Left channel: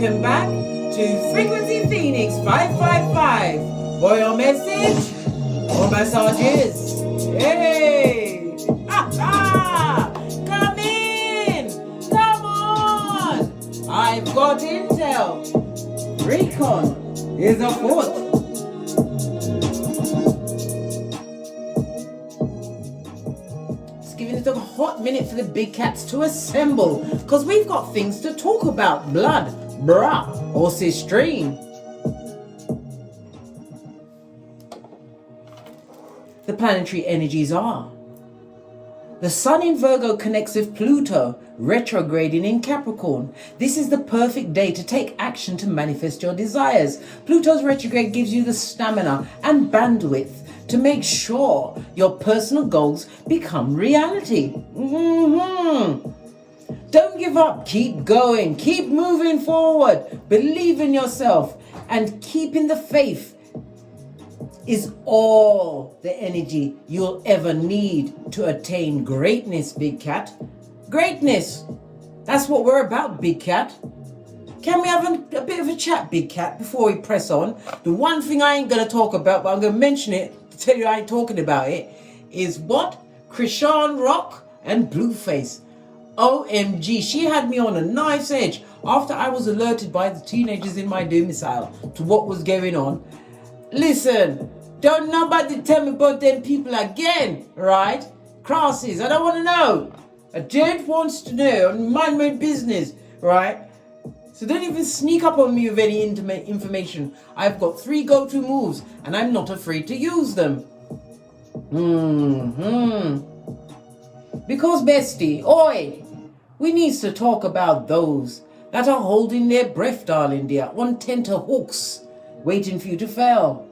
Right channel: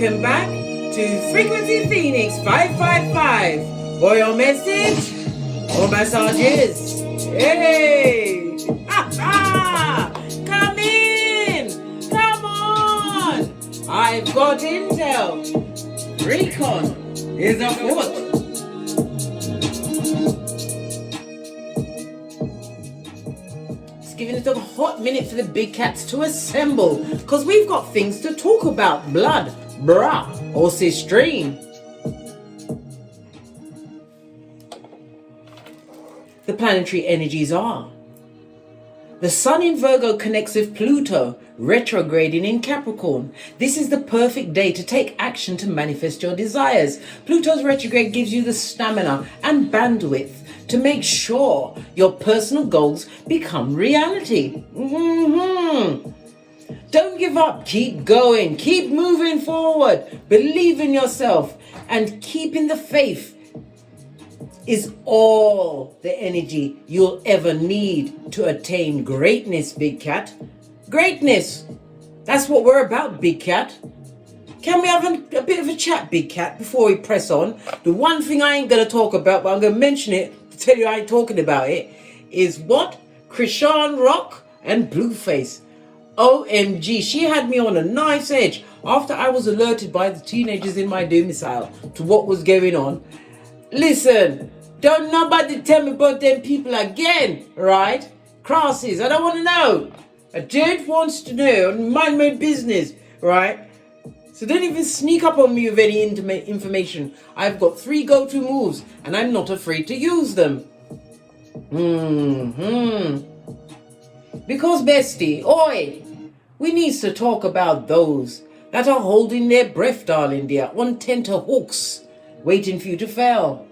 Welcome back to Frequency Phoenix 555 for your message or massages. Hey! Come in! Come on! I've got intel. Recon is afoot. Just giving it a hot minute for the big cats to assemble, because we've got things to talk about. Blood, brah, or stream. The planetary energies are. The Sun in Virgo connects with Pluto, retrograding in Capricorn. This is the perfect day to take action to manifest your desires. Pluto's retrograde gives you the stamina and bandwidth to make sure your personal goals become reality. Don't give up. Keep going. Keep moving forward. Believe in yourself. And keeping the faith is all the energy you'll ever need to attain greatness, Big Cat. Greatness. That's what we're about, Big Cat. Can we have a bit of a chat, Big Cat, before we press on? The one thing I ain't going to talk about, but I'm going to mention it to tell you I ain't talking about it, is what? Krishan Rock and Blueface. OMG, she had me on a knife's edge after I was alerted by the teenagers in my domicile to what was going on. Listen, don't nobody tell me about them people again, right? Crosses, I don't want to know. I just wants to know and mind my business, right? So don't even sneak up on me with any intimate information. I've got 3 go-to moves and I'm not afraid to use them. Because bestie, oi, we need to talk about those that are holding their breath, darling dear, on tenterhooks, waiting for you to fail.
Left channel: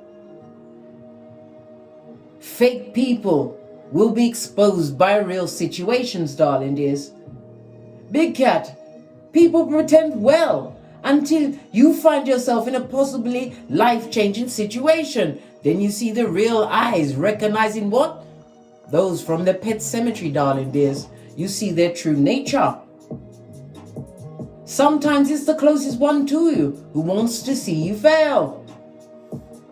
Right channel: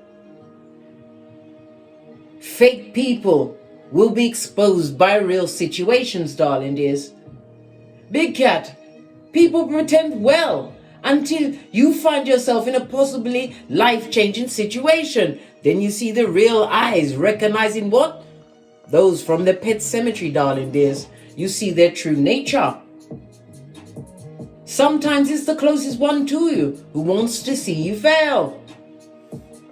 Fake people will be exposed by real situations, darling dears. Big Cat, people pretend well until you find yourself in a possibly life-changing situation. Then you see the real eyes recognizing what? Those from the pet cemetery, darling dears. You see their true nature. Sometimes it's the closest one to you who wants to see you fail,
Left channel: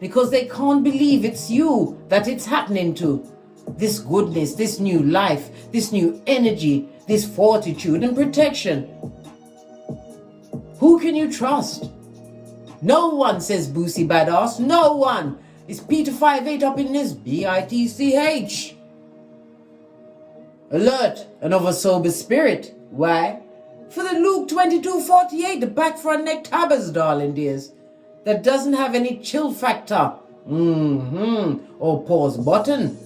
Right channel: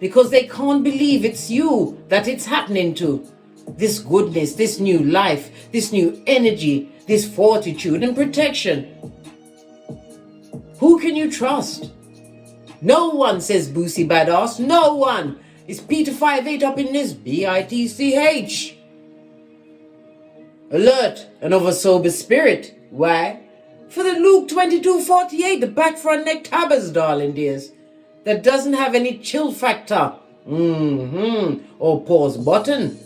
because they can't believe it's you that it's happening to. This goodness, this new life, this new energy, this fortitude and protection. Who can you trust? No one, says Boosie Badass. No one. It's Peter 58 up in this BITCH. Alert and of a sober spirit. Why? For the Luke 22:48, the back front neck tabbers, darling dears, that doesn't have any chill factor. Or pause button.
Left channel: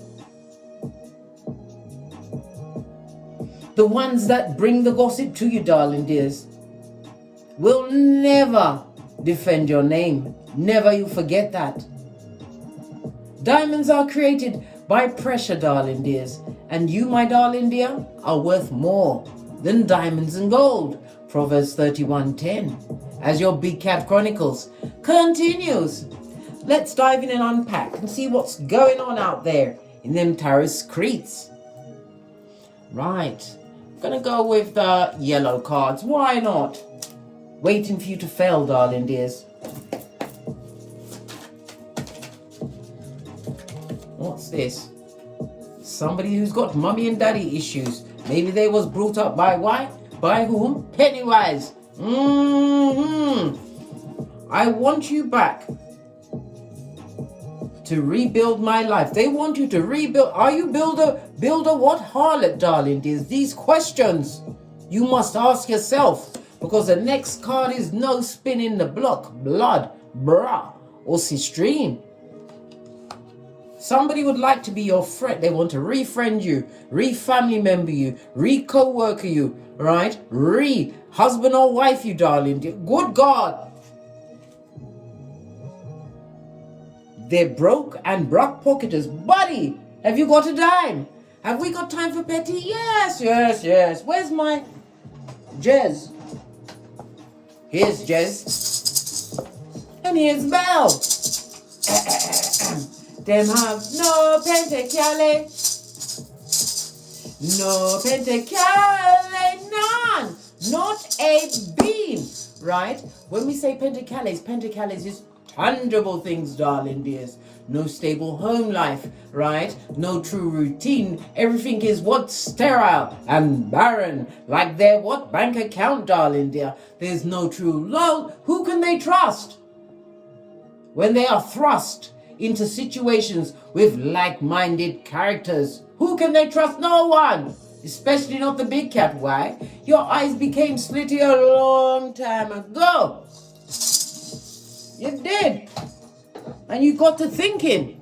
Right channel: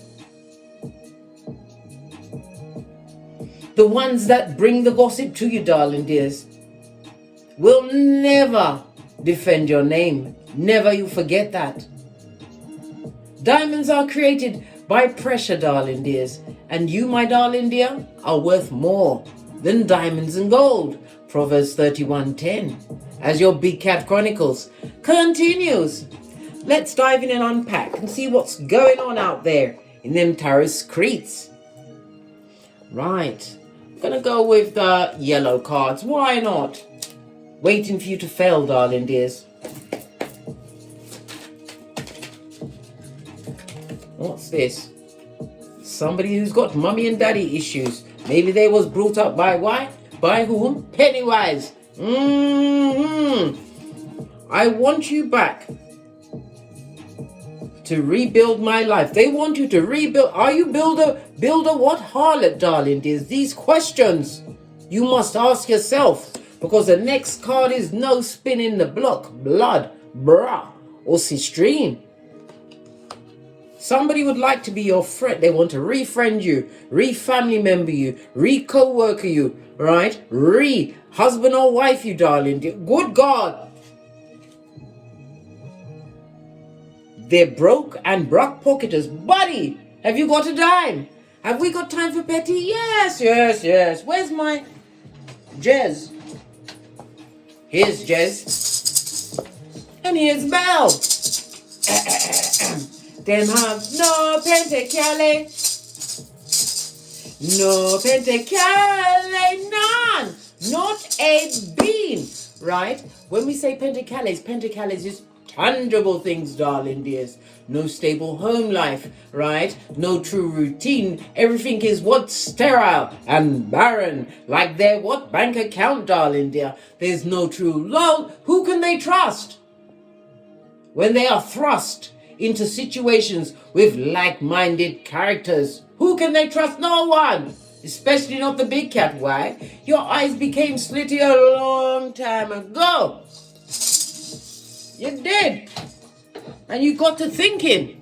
The ones that bring the gossip to you, darling dears, will never defend your name. Never you forget that. Diamonds are created by pressure, darling dears, and you, my darling dear, are worth more than diamonds and gold. Proverbs 31:10. As your Big Cat Chronicles continues. Let's dive in and unpack and see what's going on out there in them tarot screeds. Right. I'm going to go with the yellow cards. Why not? Waiting for you to fail, darling dears. What's this? Somebody who's got mummy and daddy issues. Maybe they was brought up by what? By whom? Pennywise. I want you back to rebuild my life. They want you to rebuild. Are you builder what harlot, darling dears? These questions you must ask yourself, because the next card is no spin in the block. Blood, brah, or stream. Somebody would like to be your friend. They want to re-friend you, re-family member you, re-co-worker you, right? Re-husband or wife you, darling dear. Good God. They're broke and brock pocketers. Buddy, have you got a dime? Have we got time for petty? Yes. Where's my Jez? Here's Jez. And here's Belle. Them have no pentacale. No pentacale, none. Not a bean. right? When we say pentacles is tangible things, darling dears. No stable home life, right? No true routine. Everything is what? Sterile and barren. Like their what? Bank account, darling dear. There's no true love. Who can they trust? When they are thrust into situations with like-minded characters, who can they trust? No one. Especially not the big cat. Why? Your eyes became slitty a long time ago. You did. And you got to thinking.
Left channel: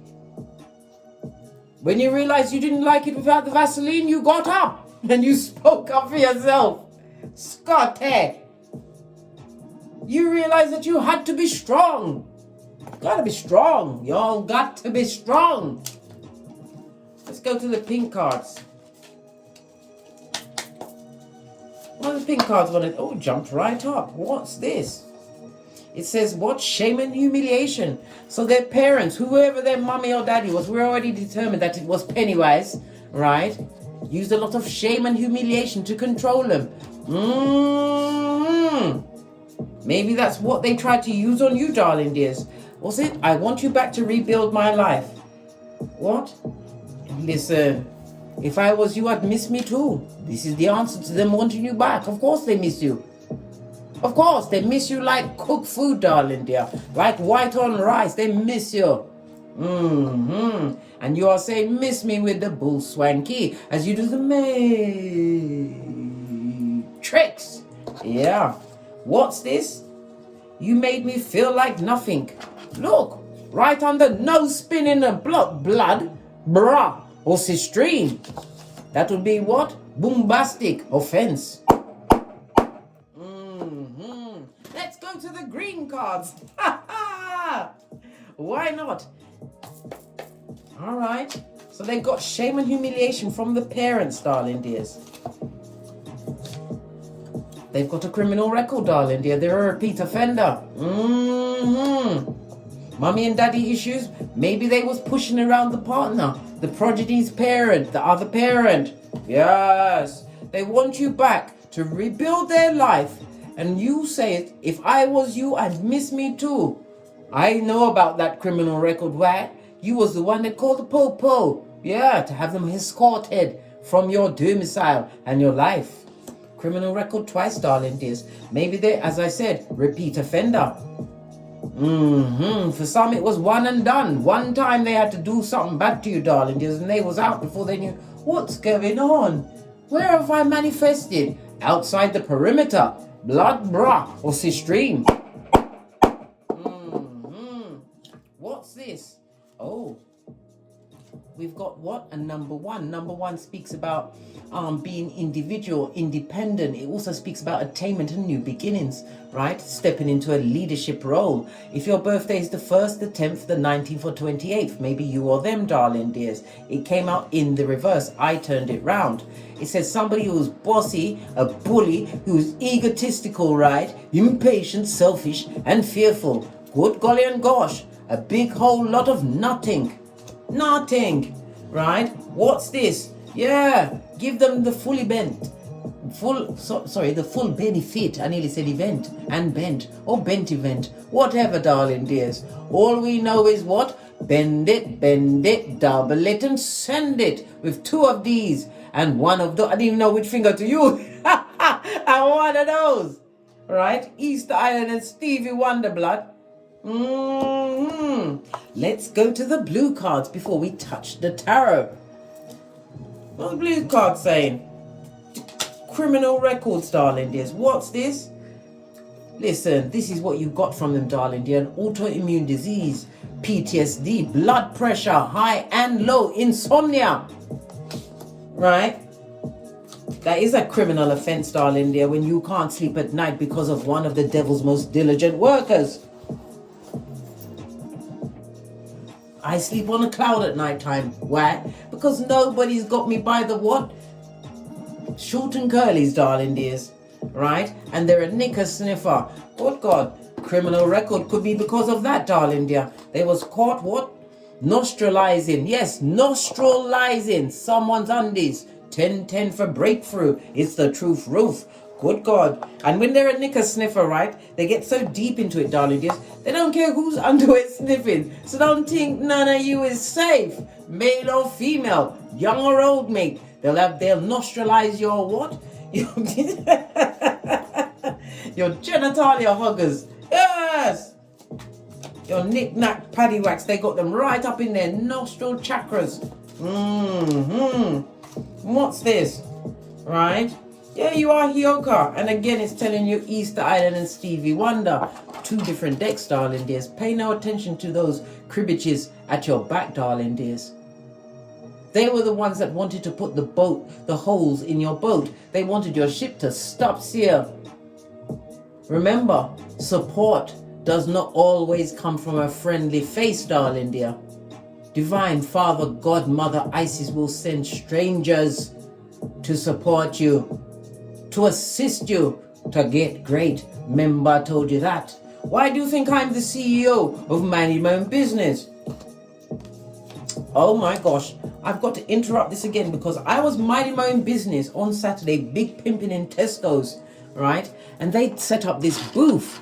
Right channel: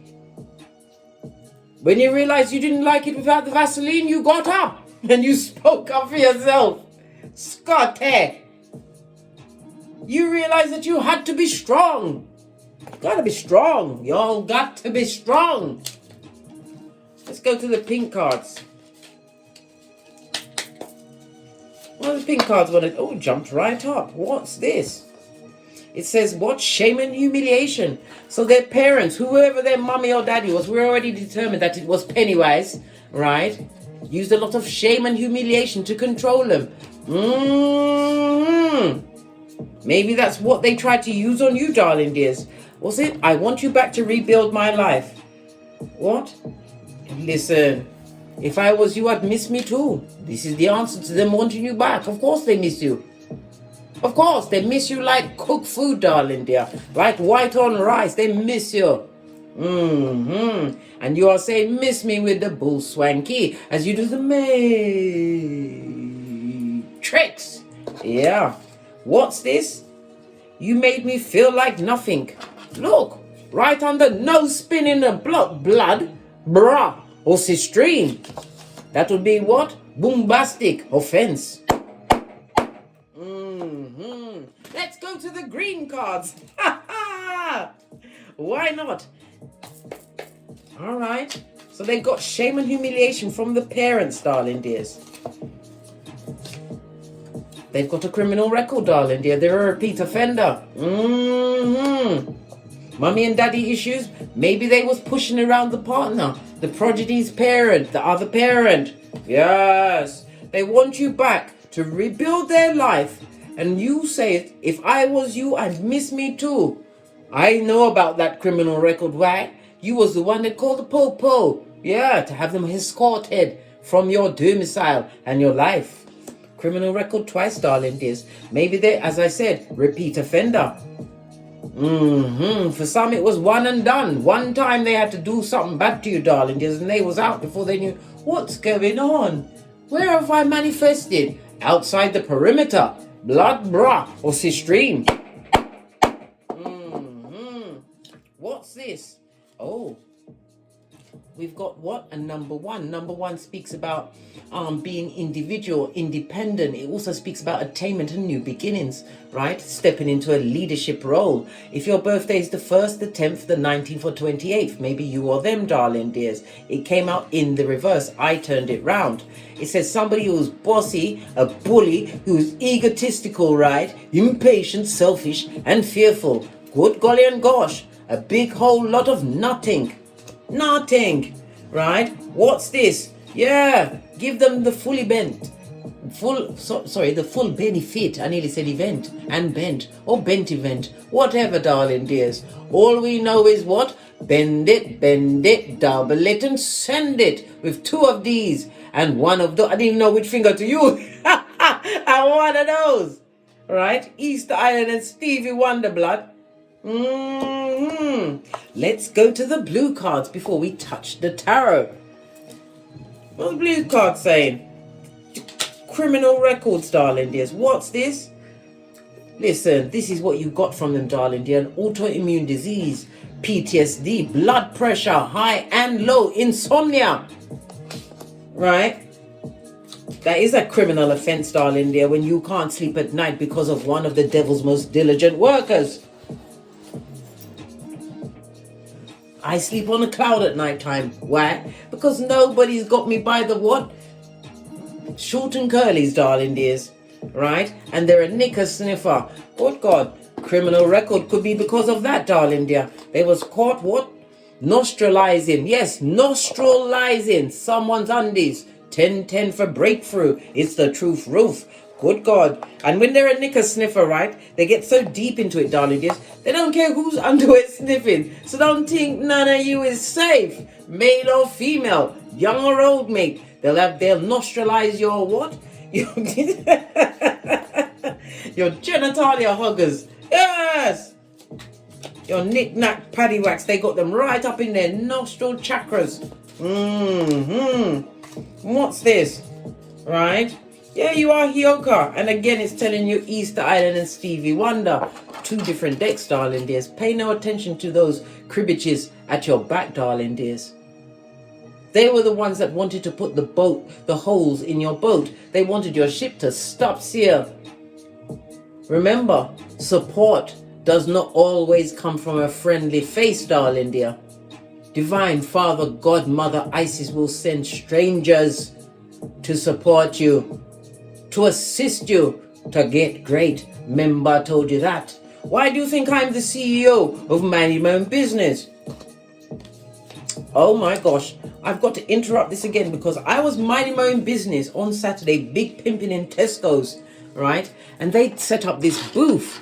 When you realized you didn't like it without the Vaseline, you got up and you spoke up for yourself. Scotty. You realized that you had to be strong. Gotta be strong. Y'all got to be strong. Let's go to the pink cards. What are the pink cards want to... Oh, jumped right up. What's this? It says, what? Shame and humiliation. So their parents, whoever their mummy or daddy was, we already determined that it was Pennywise, right? Used a lot of shame and humiliation to control them. Maybe that's what they tried to use on you, darling dears. Was it? I want you back to rebuild my life. What? Listen, if I was you, I'd miss me too. This is the answer to them wanting you back. Of course they miss you. Of course, they miss you like cooked food, darling dear. Like white on rice, they miss you. And you are saying, miss me with the bull swanky as you do the tricks. Yeah. What's this? You made me feel like nothing. Look, right under nose spinning and blood, bruh, or stream. That would be what? Bombastic offense. Let's go to the green cards. Why not? All right. So they got shame and humiliation from the parents, darling dears. They've got a criminal record, darling dear. They're a repeat offender. Mummy and daddy issues. Maybe they was pushing around the partner, the progeny's parent, the other parent. Yes. They want you back to rebuild their life. And you say, if I was you, I'd miss me too. I know about that criminal record. Why? You was the one that called the po-po. Yeah, to have them escorted from your domicile and your life. Criminal record twice, darling dears. Maybe they, as I said, repeat offender. For some, it was one and done. One time they had to do something bad to you, darling dears, and they was out before they knew what's going on. Where have I manifested? Outside the perimeter. Blood, bra, or stream. What's this? Oh, we've got what? A number one. Number one speaks about being individual, independent. It also speaks about attainment and new beginnings, right? Stepping into a leadership role. If your birthday is the 1st, the 10th, the 19th, or 28th, maybe you or them, darling dears. It came out in the reverse. I turned it round. It says somebody who's bossy, a bully, who's egotistical, right? Impatient, selfish, and fearful. Good golly and gosh. A big whole lot of nothing. Nothing, right? What's this? Yeah, give them the fully bent. The full benefit. I nearly said event and bent or bent event. Whatever, darling dears. All we know is what? Bend it, double it, and send it with 2 of these. And one of those, I didn't know which finger to use. And one of those, right? Easter Island and Stevie Wonderblood. Let's go to the blue cards before we touch the tarot. What's the blue card saying? Criminal records, darling dears. What's this? Listen, this is what you got from them, darling dear. An autoimmune disease, PTSD, blood pressure, high and low, insomnia. Right? That is a criminal offense, darling dear, when you can't sleep at night because of one of the devil's most diligent workers. I sleep on a cloud at night time. Why? Because nobody's got me by the what? Short and curlies, darling dears. Right? And they're a knicker sniffer. Good God. Criminal record could be because of that, darling dear. They was caught what? Nostralizing. Yes, nostralizing someone's undies. 10-10 for breakthrough. It's the truth roof. Good God. And when they're a knicker sniffer, right, they get so deep into it, darling dears, they don't care who's underwear sniffing. So don't think none of you is safe. Male or female, young or old, mate. They'll nostrilize your what? Your genitalia huggers. Yes. Your knick-knack paddywhacks, they got them right up in their nostril chakras. What's this? Right? Yeah, you are HEYOKA. And again, it's telling you Easter Island and Stevie Wonder. 2 different decks, darling dears. Pay no attention to those cribbages at your back, darling dears. They were the ones that wanted to put the holes in your boat. They wanted your ship to stop sail. Remember, support does not always come from a friendly face, darling dear. Divine Father, God, Mother, Isis will send strangers to support you, to assist you to get great. Remember, I told you that. Why do you think I'm the CEO of Minding My Own Business? Oh my gosh, I've got to interrupt this again because I was minding my own business on Saturday, big pimping in Tesco's, right? And they set up this booth.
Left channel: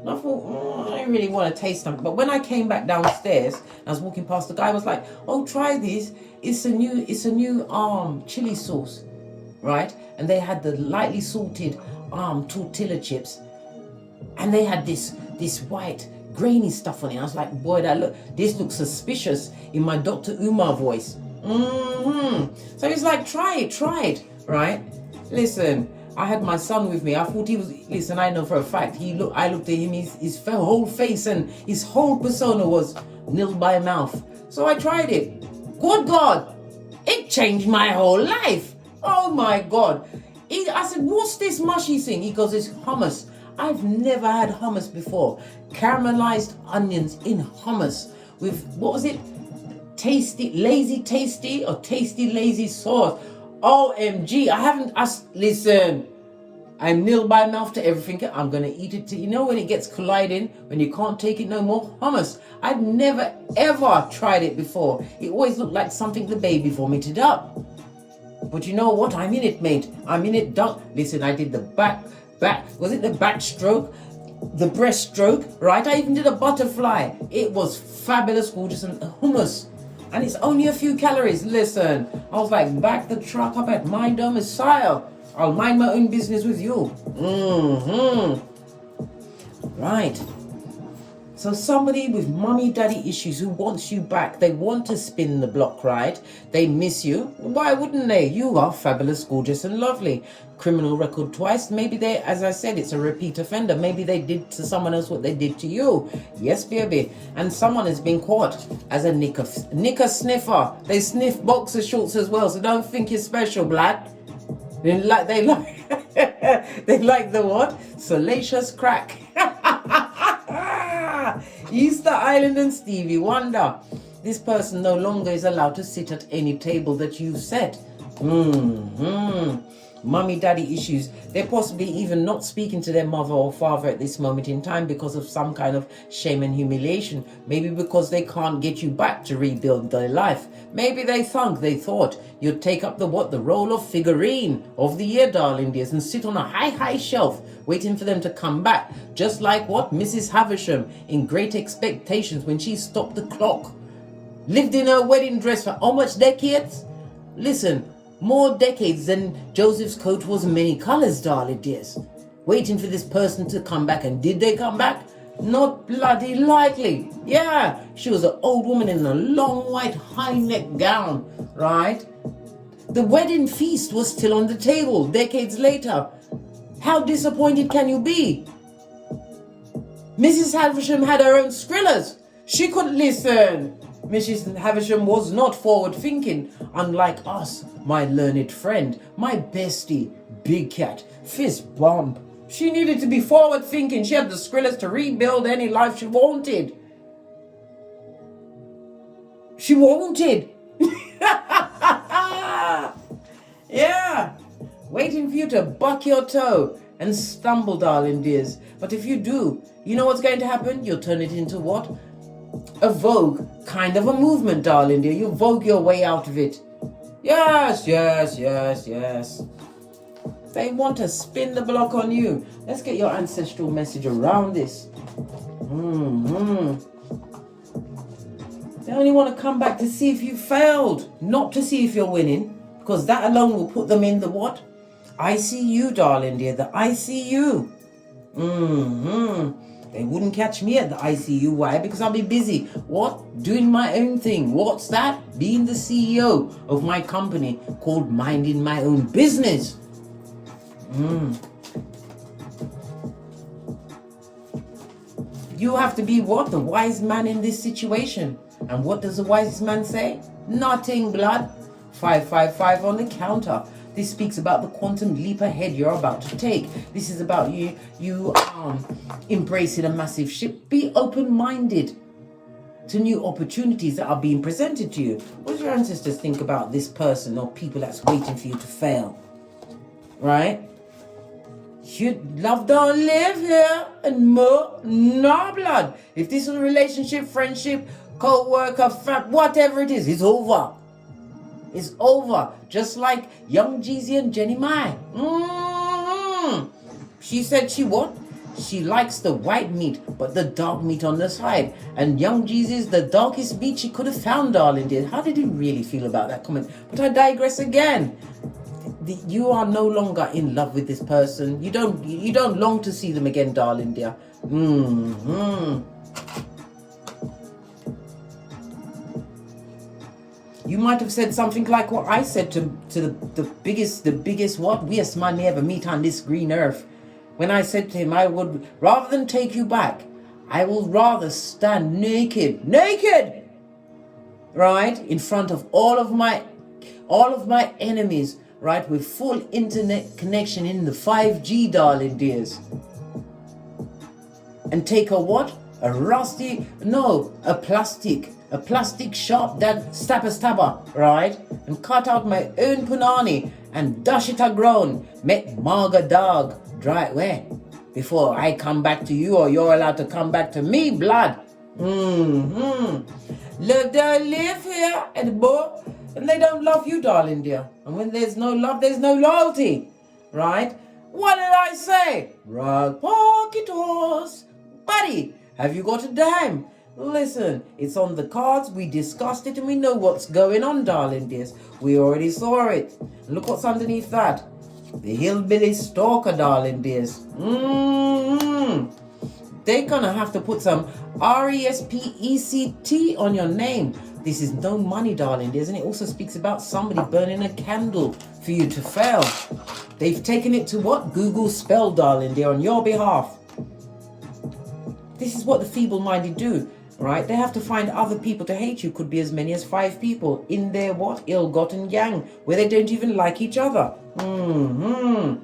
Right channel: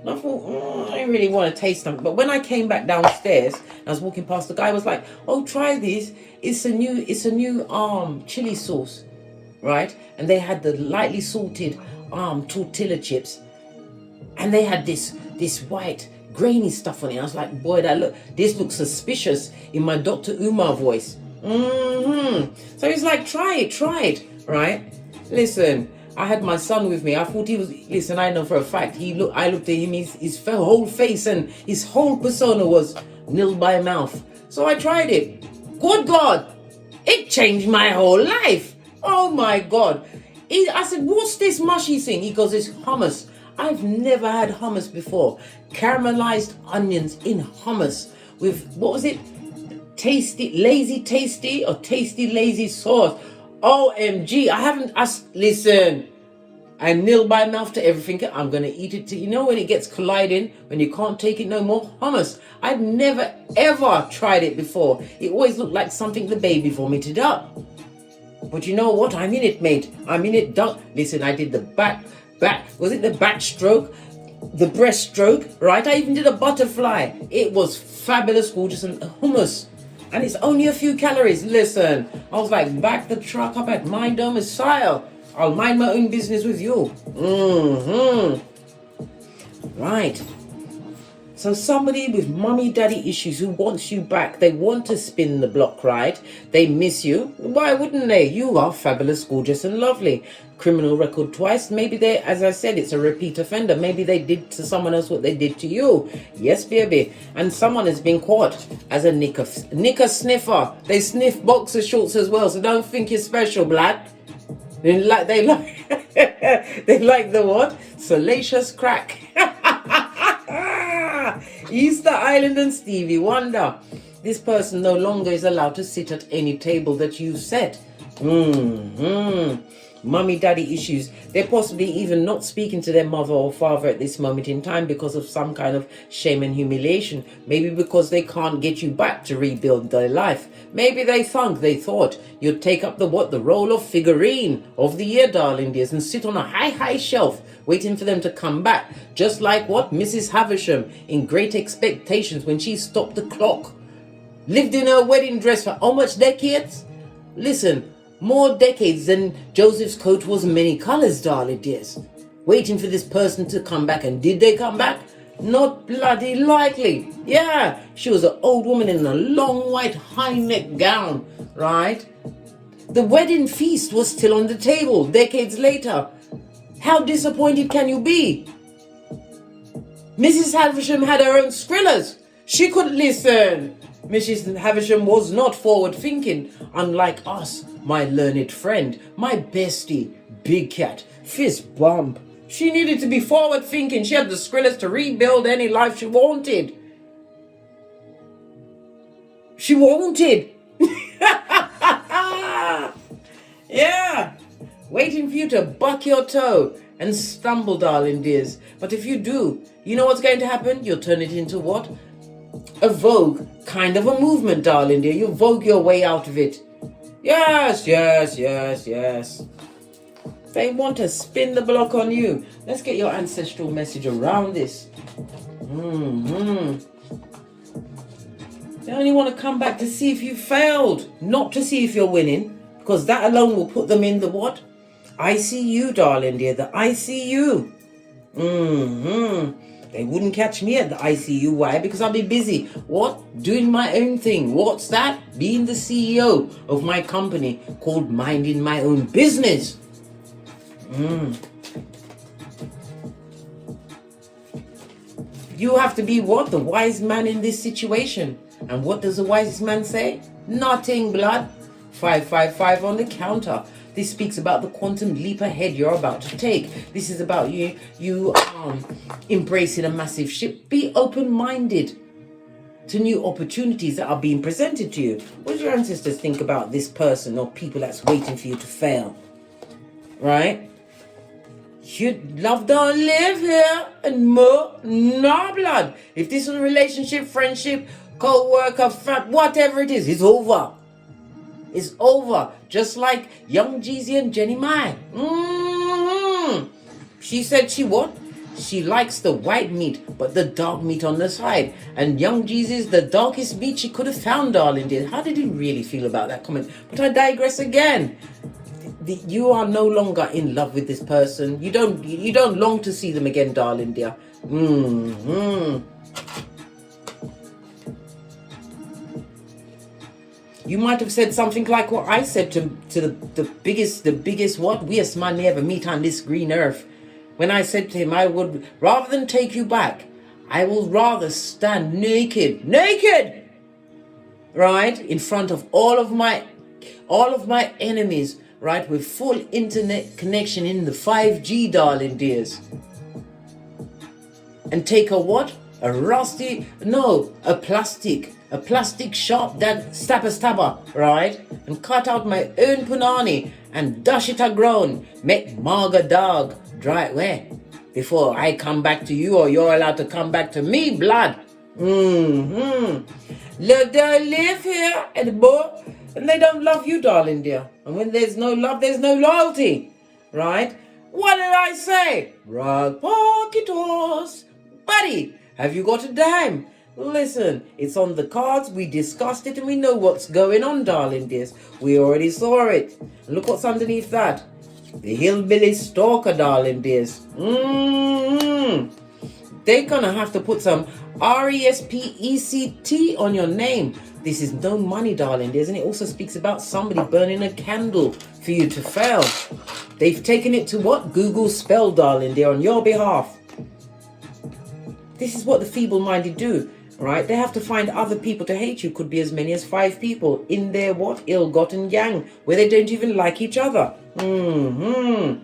And I thought, I really want to taste something. But when I came back downstairs, I was walking past, the guy was like, oh, try this. It's a new chili sauce, right? And they had the lightly salted tortilla chips. And they had this white grainy stuff on it. I was like, boy, this looks suspicious in my Dr. Umar voice. So he's like, try it, right? Listen, I had my son with me. I thought he was, listen, I know for a fact, I looked at him, his whole face and his whole persona was nil by mouth. So I tried it. Good God, it changed my whole life. Oh my God. I said, what's this mushy thing? He goes, it's hummus. I've never had hummus before. Caramelized onions in hummus with, what was it? Lazy tasty or tasty lazy sauce. OMG, listen, I'm nil by mouth to everything. I'm going to eat it you know when it gets colliding, when you can't take it no more? Hummus. I'd never ever tried it before. It always looked like something the baby vomited up. But you know what? I'm in it, mate. I'm in it. Listen, I did the back, was it the backstroke? The breaststroke, right? I even did a butterfly. It was fabulous, gorgeous, and hummus. And it's only a few calories. Listen, I was like, back the truck up at my domicile. I'll mind my own business with you. Right. So somebody with mommy daddy issues who wants you back, they want to spin the block, right? They miss you. Why wouldn't they? You are fabulous, gorgeous, and lovely. Criminal record twice. Maybe they, as I said, it's a repeat offender. Maybe they did to someone else what they did to you. Yes, baby. And someone has been caught as a knicker sniffer. They sniff boxer shorts as well, so don't think you're special, blood. They like they like the what? Salacious crack. Easter Island and Stevie Wonder. This person no longer is allowed to sit at any table that you set. Mummy daddy issues. They're possibly even not speaking to their mother or father at this moment in time because of some kind of shame and humiliation. Maybe because they can't get you back to rebuild their life. Maybe they thought you'd take up the role of figurine of the year, darling dears, and sit on a high shelf waiting for them to come back. Just like what? Mrs. Havisham in Great Expectations when she stopped the clock. Lived in her wedding dress for how much decades? Listen, more decades than Joseph's coat was many colors, darling dears. Waiting for this person to come back. And did they come back? Not bloody likely. Yeah, she was an old woman in a long white high neck gown, right? The wedding feast was still on the table decades later. How disappointed can you be? Mrs. Havisham had her own skrillers. She could listen. Mrs. Havisham was not forward-thinking, unlike us, my learned friend, my bestie, Big Cat, Fist Bump. She needed to be forward-thinking. She had the skrillers to rebuild any life she wanted. She wanted. Yeah. Waiting for you to buck your toe and stumble, darling dears. But if you do, you know what's going to happen? You'll turn it into what? A vogue kind of a movement, darling dear. You'll vogue your way out of it. Yes. They want to spin the block on you. Let's get your ancestral message around this. They only want to come back to see if you failed, not to see if you're winning, because that alone will put them in the what? ICU, darling dear, the ICU. They wouldn't catch me at the ICU. Why? Because I'll be busy. What? Doing my own thing. What's that? Being the CEO of my company called Minding My Own Business. You have to be what? The wise man in this situation. And what does the wise man say? Nothing, blood. 555 on the counter. This speaks about the quantum leap ahead you're about to take. This is about you embracing a massive shift. Be open-minded to new opportunities that are being presented to you. What do your ancestors think about this person or people that's waiting for you to fail? Right? You'd love to live here and more. No, blood. If this is a relationship, friendship, co-worker, whatever it is, it's over. It's over. Just like young Jeezy and Jenny Mai. She said she what? She likes the white meat, but the dark meat on the side. And young Jeezy's the darkest meat she could have found, darling dear. How did you really feel about that comment? But I digress again. You are no longer in love with this person. You don't long to see them again, darling dear. You might have said something like what I said to the biggest what? Weirdest man you ever meet on this green earth. When I said to him, I would, rather than take you back, I will rather stand naked, right, in front of all of my enemies, right, with full internet connection in the 5G, darling dears. And take a what? A plastic sharp that stabber, right? And cut out my own punani and dash it a ground. Make Marga dog dry where? Before I come back to you or you're allowed to come back to me, blood. Love they live here and they don't love you, darling dear. And when there's no love, there's no loyalty, right? What did I say? Rock pocketos. Buddy, have you got a dime? Listen, it's on the cards. We discussed it and we know what's going on, darling dears. We already saw it. And look what's underneath that. The hillbilly stalker, darling dears. They're gonna have to put some RESPECT on your name. This is no money, darling dears. And it also speaks about somebody burning a candle for you to fail. They've taken it to what? Google spell, darling dear, on your behalf. This is what the feeble-minded do, right? They have to find other people to hate you. Could be as many as 5 people in their what? Ill-gotten gang, where they don't even like each other. Oh!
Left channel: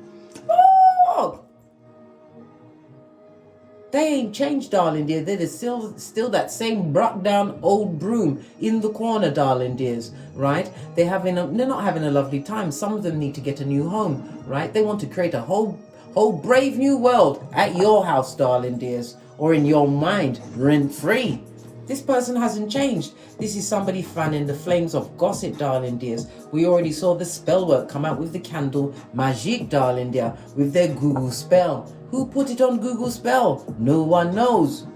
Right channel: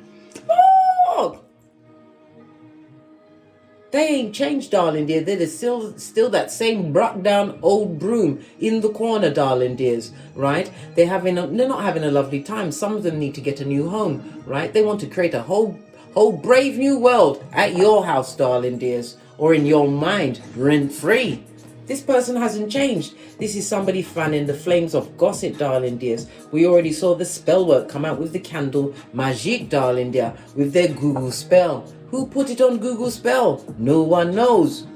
They ain't changed, darling dear. They're still that same brought down old broom in the corner, darling dears, right? They're not having a lovely time. Some of them need to get a new home, right? They want to create a whole brave new world at your house, darling dears. Or in your mind, rent-free. This person hasn't changed. This is somebody fanning the flames of gossip, darling dears. We already saw the spell work come out with the candle magique, darling dear, with their Google spell. Who put it on Google spell? No one knows.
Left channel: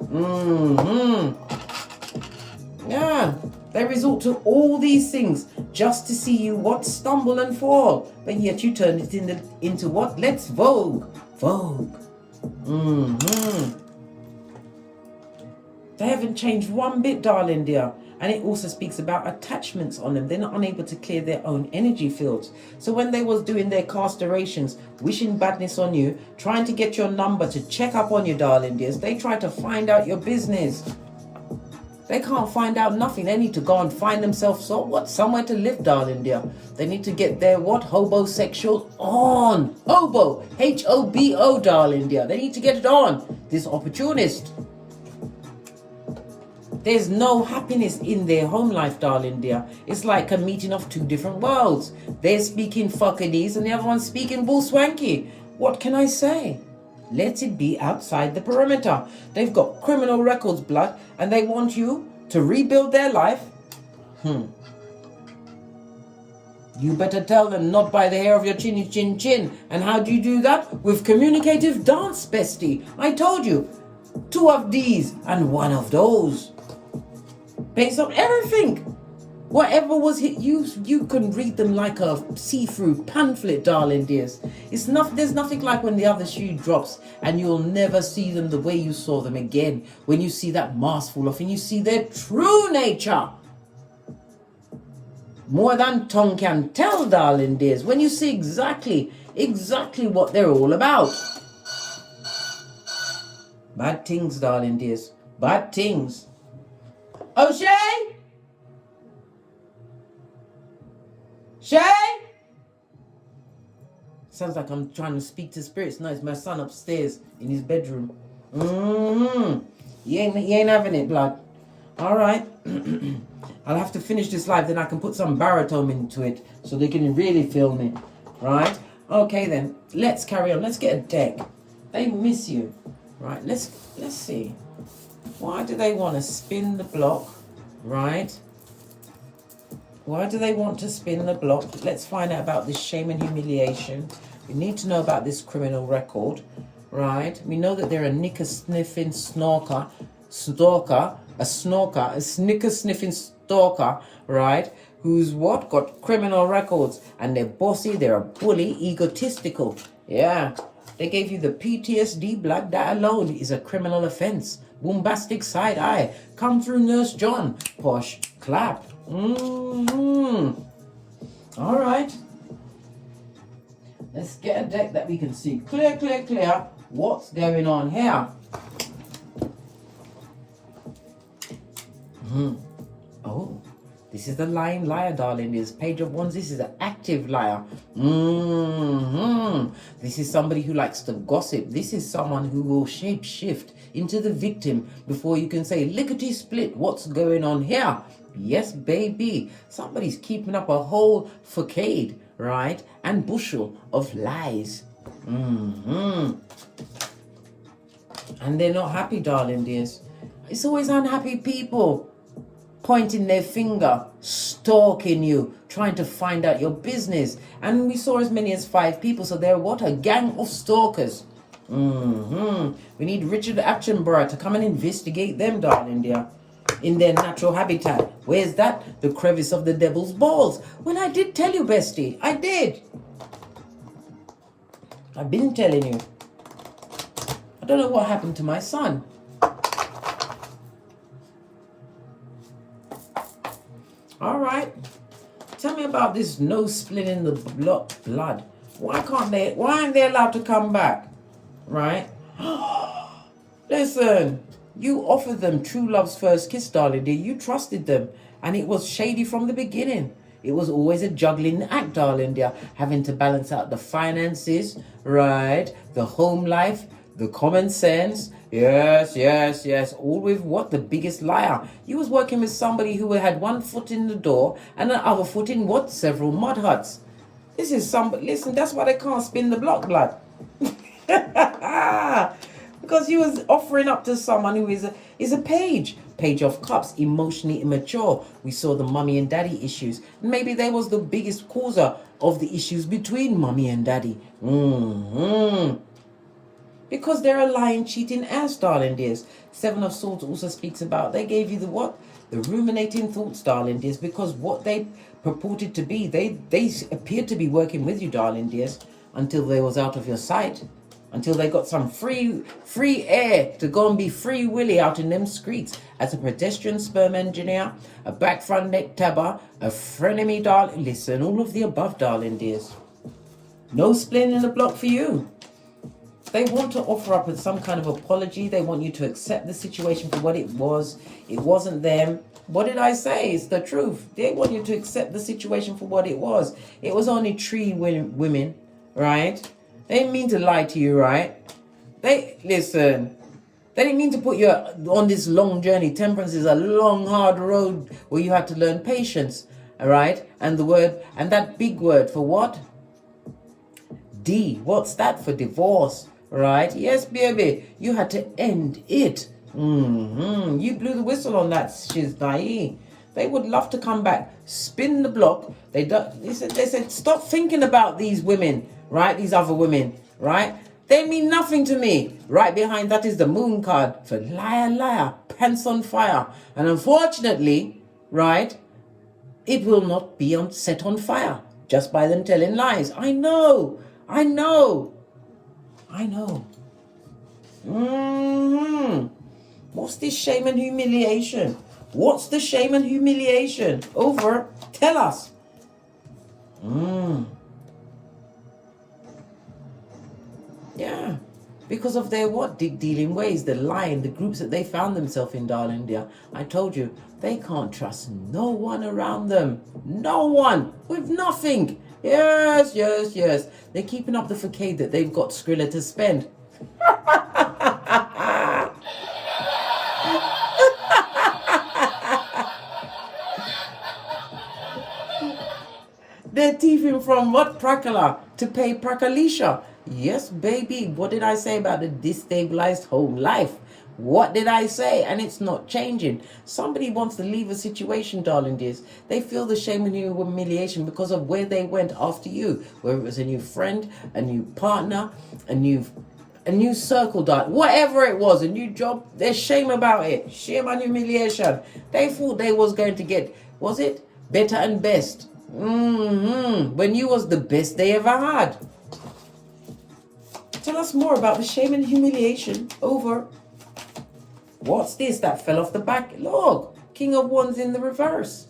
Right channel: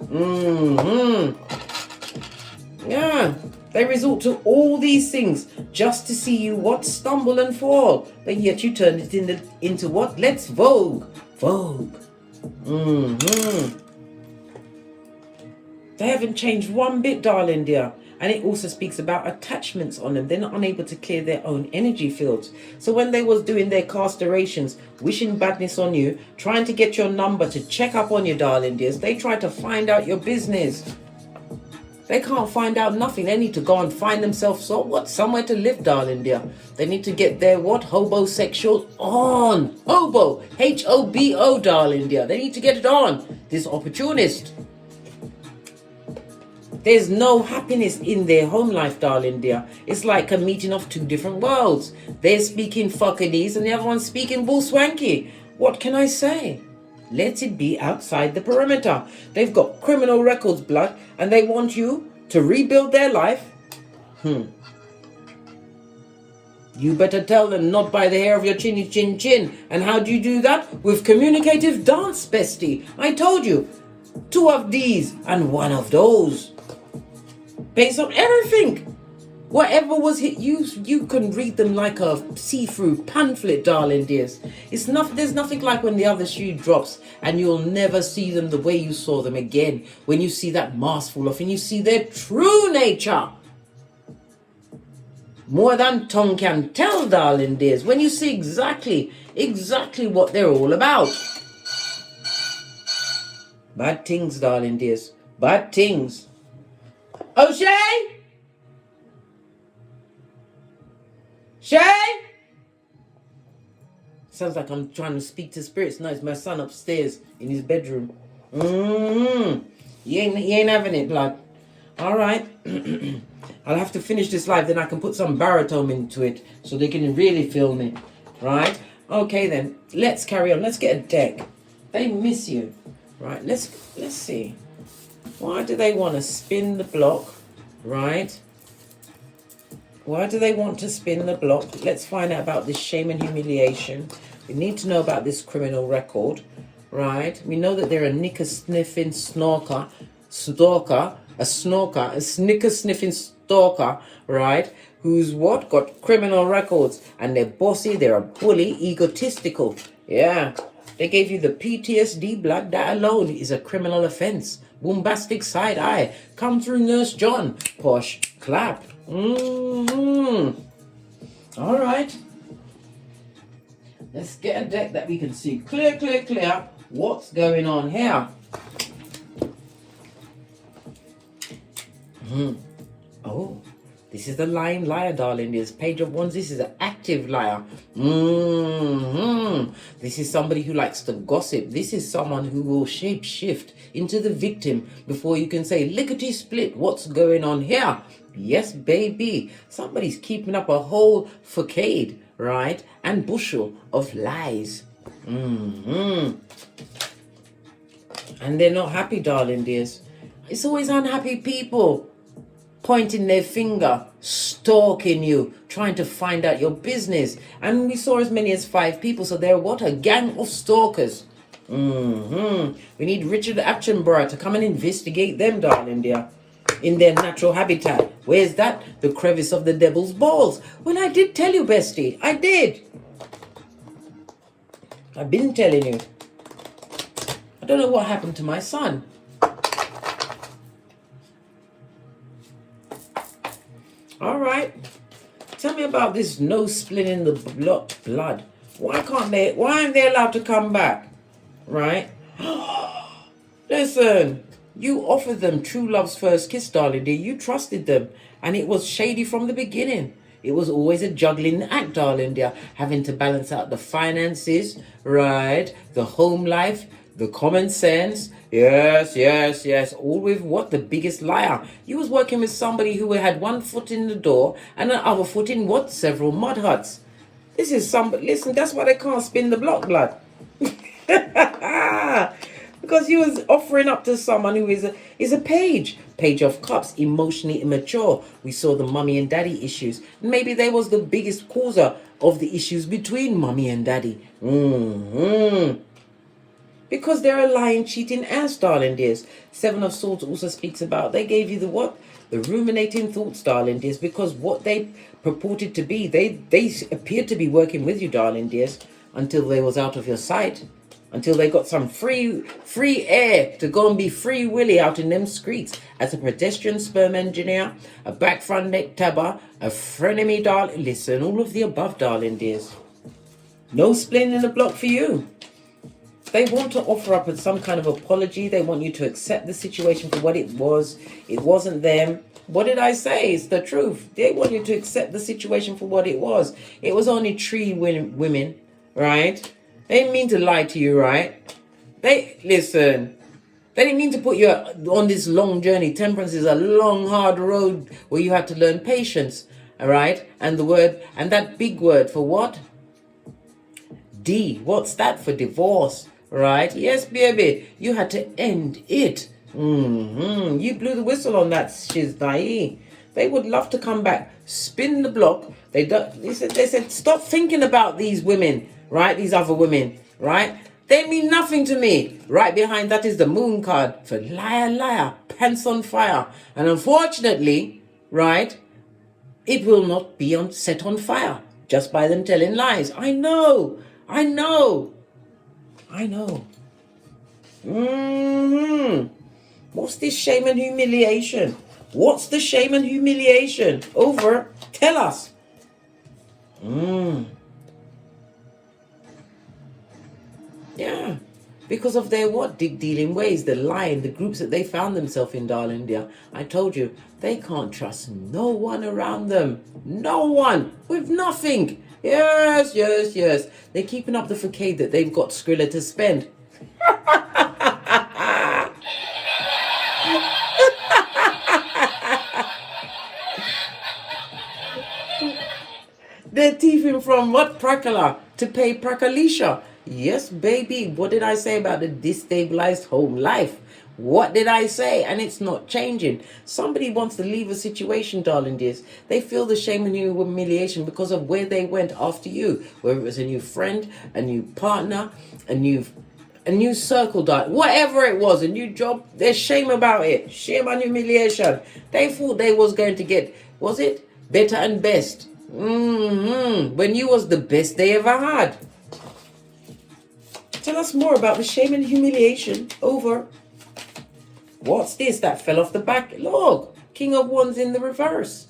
Yeah, they resort to all these things just to see you what? Stumble and fall. But yet you turn it into what? Let's vogue. They haven't changed one bit, darling dear. And it also speaks about attachments on them. They're not unable to clear their own energy fields. So when they was doing their castrations, wishing badness on you, trying to get your number to check up on you, darling dears, they try to find out your business. They can't find out nothing. They need to go and find themselves somewhere to live, darling dear. They need to get their what? Hobosexual on. Hobo. Hobo, darling dear. They need to get it on. This opportunist. There's no happiness in their home life, darling dear. It's like a meeting of 2 different worlds. They're speaking fuckinese and the other one's speaking bull swanky. What can I say? Let it be outside the perimeter. They've got criminal records, blood, and they want you to rebuild their life. You better tell them, not by the hair of your chinny chin chin. And how do you do that? With communicative dance, bestie. I told you, 2 of these and 1 of those. Based on everything. Whatever was hit, you can read them like a see-through pamphlet, darling dears. There's nothing like when the other shoe drops and you'll never see them the way you saw them again. When you see that mask fall off and you see their true nature. More than tongue can tell, darling dears. When you see exactly what they're all about. Bad things, darling dears. Bad things. O'Shea? Shay? Sounds like I'm trying to speak to spirits. No, it's my son upstairs in his bedroom. He ain't having it, blood. All right. I'll have to finish this live, then I can put some baritone into it so they can really feel me. Right? Okay then. Let's carry on. Let's get a deck. They miss you. Right, let's see. Why do they want to spin the block? Right? Why do they want to spin the block? Let's find out about this shame and humiliation. We need to know about this criminal record, right? We know that they're a knicker-sniffing snicker sniffing stalker, right? Who's what? Got criminal records. And they're bossy, they're a bully, egotistical. Yeah. They gave you the PTSD blood. That alone is a criminal offense. Bombastic side eye. Come through Nurse John. Posh clap. All right. Let's get a deck that we can see clear what's going on here. Oh, this is the lying liar, darling. This Page of Wands. This is an active liar. This is somebody who likes to gossip. This is someone who will shape shift into the victim before you can say lickety split. What's going on here? Yes, baby. Somebody's keeping up a whole facade, right? And bushel of lies. And they're not happy, darling dears. It's always unhappy people pointing their finger, stalking you, trying to find out your business. And we saw as many as 5 people. So they're what? A gang of stalkers. We need Richard Attenborough to come and investigate them, darling dear. In their natural habitat. Where's that? The crevice of the devil's balls. Well, I did tell you, bestie. I did. I've been telling you. I don't know what happened to my son. All right. Tell me about this nose splitting the blood. Why aren't they allowed to come back? Right? Listen. You offered them true love's first kiss, darling dear. You trusted them. And it was shady from the beginning. It was always a juggling act, darling dear. Having to balance out the finances, right? The home life, the common sense. Yes. All with what? The biggest liar. You was working with somebody who had 1 foot in the door and the other foot in what? Several mud huts. This is somebody. Listen, that's why they can't spin the block, blood. Because he was offering up to someone who is a page of cups, emotionally immature. We saw the mummy and daddy issues. Maybe they was the biggest causer of the issues between mummy and daddy. Because they're a lying, cheating ass, darling dears. 7 of Swords also speaks about, they gave you the what? The ruminating thoughts, darling dears. Because what they purported to be, they appeared to be working with you, darling dears, until they was out of your sight. Until they got some free air to go and be free willy out in them streets as a pedestrian sperm engineer, a back front neck tabber, a frenemy, darling. Listen, all of the above, darling dears. No splitting in the block for you. They want to offer up some kind of apology. They want you to accept the situation for what it was. It wasn't them. What did I say? It's the truth. They want you to accept the situation for what it was. It was only 3 women, right? They didn't mean to lie to you, right? Listen. They didn't mean to put you on this long journey. Temperance is a long, hard road where you had to learn patience, all right? And that big word for what? D. What's that? For divorce, right? Yes, baby. You had to end it. You blew the whistle on that shiznai. They would love to come back, spin the block. They said, stop thinking about these women, right? These other women, right? They mean nothing to me. Right behind that is the moon card for liar, liar, pants on fire. And unfortunately, right, it will not be set on fire just by them telling lies. I know. What's this shame and humiliation? What's the shame and humiliation? Over. Tell us. Yeah. Because of their what? Dealing ways, the lying, the groups that they found themselves in, darling dear. I told you, they can't trust no one around them. No one. With nothing. Yes. They're keeping up the facade that they've got Skrilla to spend. They're thieving from what? Prakala to pay Prakalisha. Yes, baby. What did I say about the destabilized home life? What did I say? And it's not changing. Somebody wants to leave a situation, darling dears. They feel the shame and humiliation because of where they went after you. Whether it was a new friend, a new partner, a new circle, whatever it was, a new job. There's shame about it. Shame and humiliation. They thought they was going to get, was it? Better and best. When you was the best they ever had. Tell us more about the shame and humiliation. Over. What's this that fell off the back? Look, King of Wands in the reverse.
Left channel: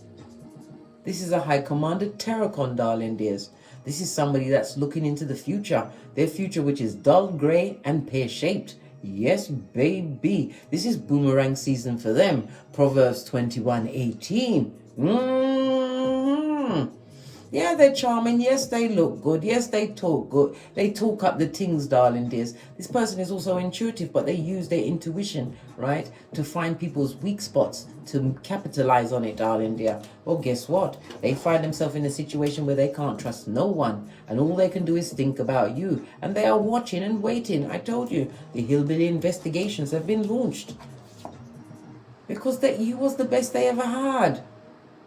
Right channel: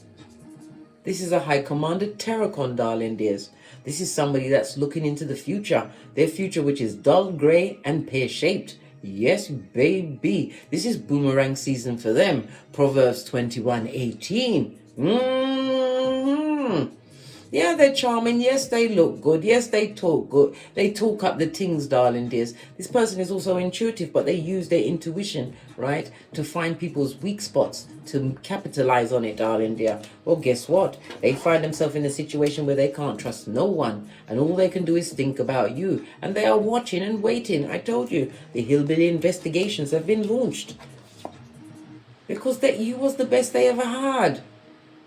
This is a High Commander Tarot, darling dears. This is somebody that's looking into the future. Their future, which is dull, grey, and pear-shaped. Yes, baby. This is boomerang season for them. Proverbs 21:18. Yeah, they're charming. Yes, they look good. Yes, they talk good. They talk up the things, darling dears. This person is also intuitive, but they use their intuition, right, to find people's weak spots, to capitalize on it, darling dear. Well, guess what? They find themselves in a situation where they can't trust no one, and all they can do is think about you. And they are watching and waiting. I told you, the hillbilly investigations have been launched. Because you was the best they ever had.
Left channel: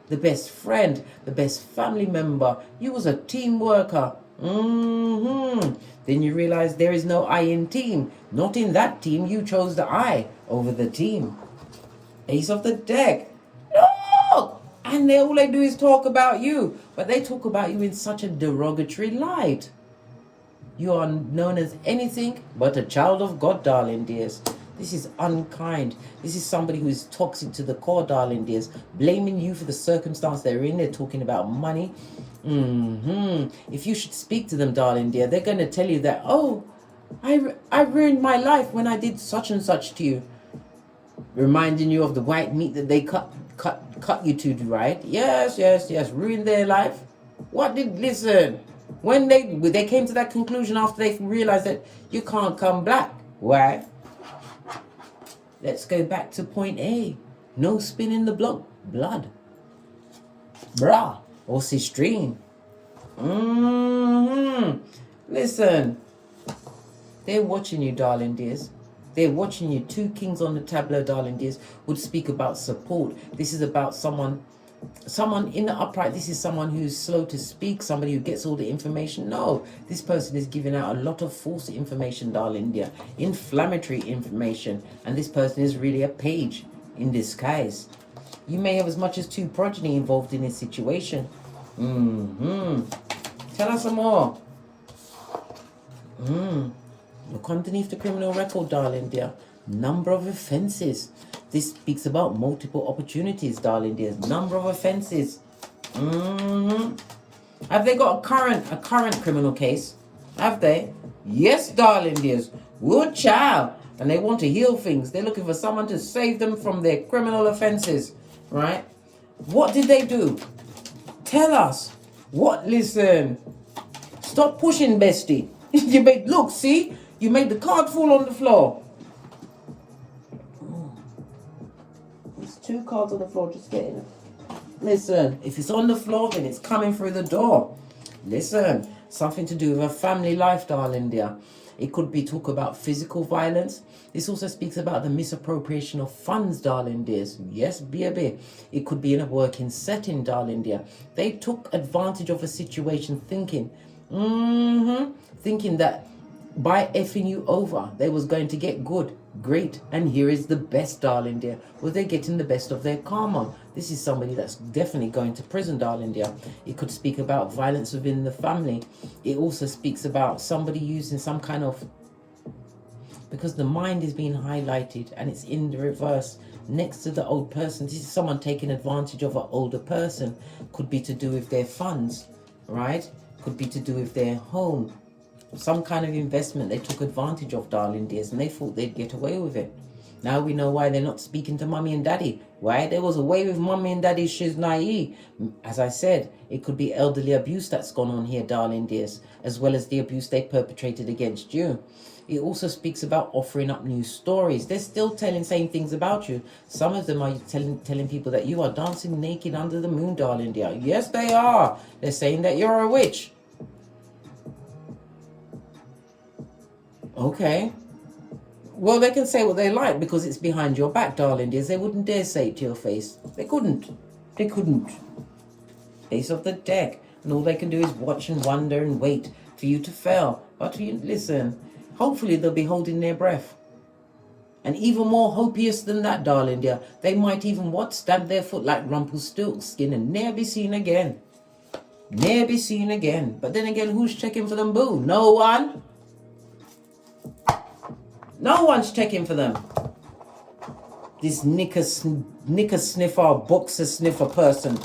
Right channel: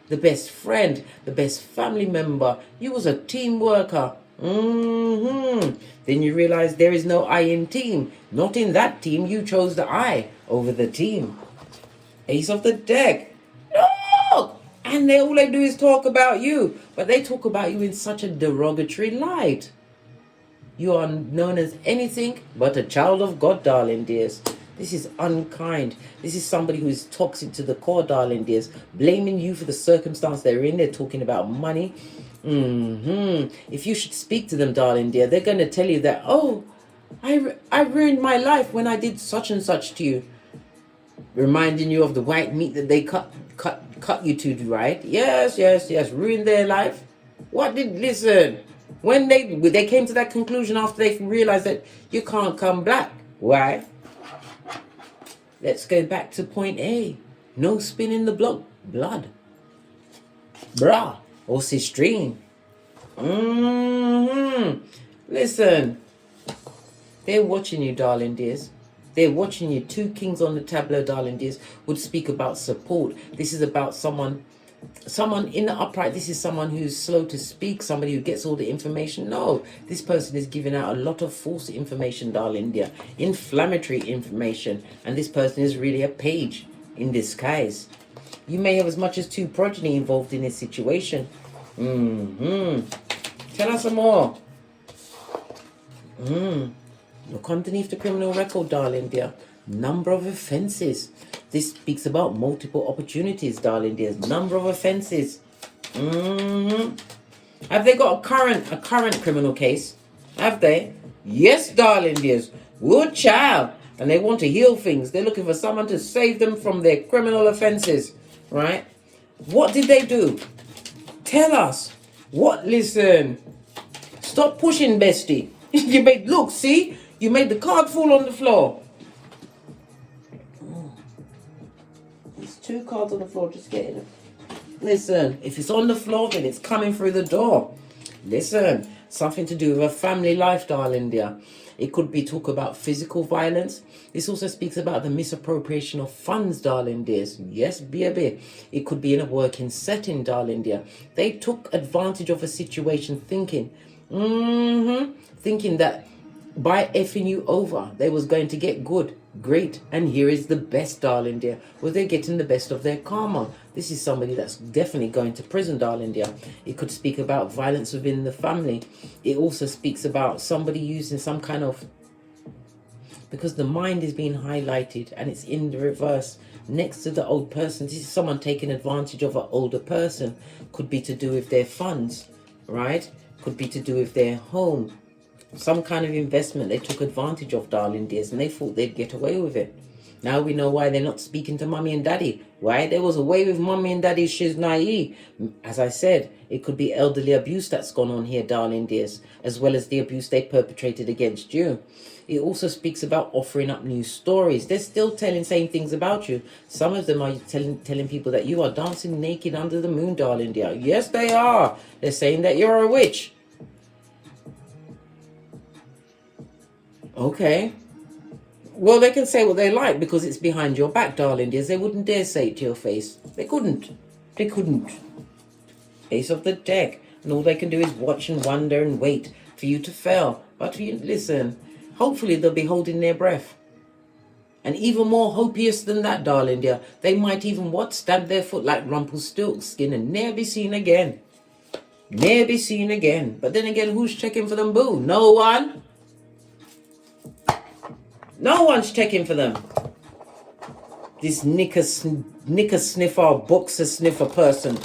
The best friend, the best family member. You was a team worker. Then you realize there is no I in team. Not in that team. You chose the I over the team. Ace of the deck. Look! And all they do is talk about you. But they talk about you in such a derogatory light. You are known as anything but a child of God, darling dears. This is unkind. This is somebody who is toxic to the core, darling dears. Blaming you for the circumstance they're in. They're talking about money. If you should speak to them, darling dear, they're going to tell you that, oh, I ruined my life when I did such and such to you. Reminding you of the white meat that they cut you to, right? Yes. Ruined their life. Listen. When they came to that conclusion after they realized that you can't come back. Why? Let's go back to point A. No spin in the blood. Brah. Or sistrine. Listen. They're watching you, darling dears. They're watching you. Two kings on the tableau, darling dears, would speak about support. This is about someone in the upright. This is someone who's slow to speak, somebody who gets all the information. No, this person is giving out a lot of false information, darling dear, inflammatory information, and this person is really a page in disguise. You may have as much as two progeny involved in this situation. Tell us some more. Look underneath the criminal record, darling dear. Number of offences. This speaks about multiple opportunities, darling dears. Number of offences. Have they got a current criminal case? Have they? Yes, darling dears. Good child. And they want to heal things. They're looking for someone to save them from their criminal offences. Right? What did they do? Tell us. What? Listen. Stop pushing, bestie. You made the card fall on the floor. There's two cards on the floor. Just get it. Listen, if it's on the floor, then it's coming through the door. Listen, something to do with a family life, darling dear. It could be talk about physical violence. This also speaks about the misappropriation of funds, darling dears. Yes, baby. It could be in a working setting, darling dear. They took advantage of a situation thinking that by effing you over, they was going to get good, great, and here is the best, darling dear. Well, they're getting the best of their karma. This is somebody that's definitely going to prison, darling dear. It could speak about violence within the family. It also speaks about somebody using some kind of, because the mind is being highlighted and it's in the reverse next to the old person. This is someone taking advantage of an older person. Could be to do with their funds, right? Could be to do with their home. Some kind of investment they took advantage of, darling dears, and they thought they'd get away with it. Now we know why they're not speaking to mommy and daddy. Why? There was a way with mommy and daddy. She's naive. As I said, it could be elderly abuse that's gone on here, darling dears, as well as the abuse they perpetrated against you. It also speaks about offering up new stories. They're still saying things about you. Some of them are telling people that you are dancing naked under the moon, darling dear. Yes, they are. They're saying that you're a witch. Okay. Well, they can say what they like because it's behind your back, darling dears. They wouldn't dare say it to your face. They couldn't. They couldn't. Ace of the deck. And all they can do is watch and wonder and wait for you to fail. But for you, listen, hopefully they'll be holding their breath. And even more hopious than that, darling dear, they might even, stamp their foot like Rumpelstiltskin and ne'er be seen again. Ne'er be seen again. But then again, who's checking for them, boo? No one. No one's checking for them. This knicker sniffer, boxer sniffer person.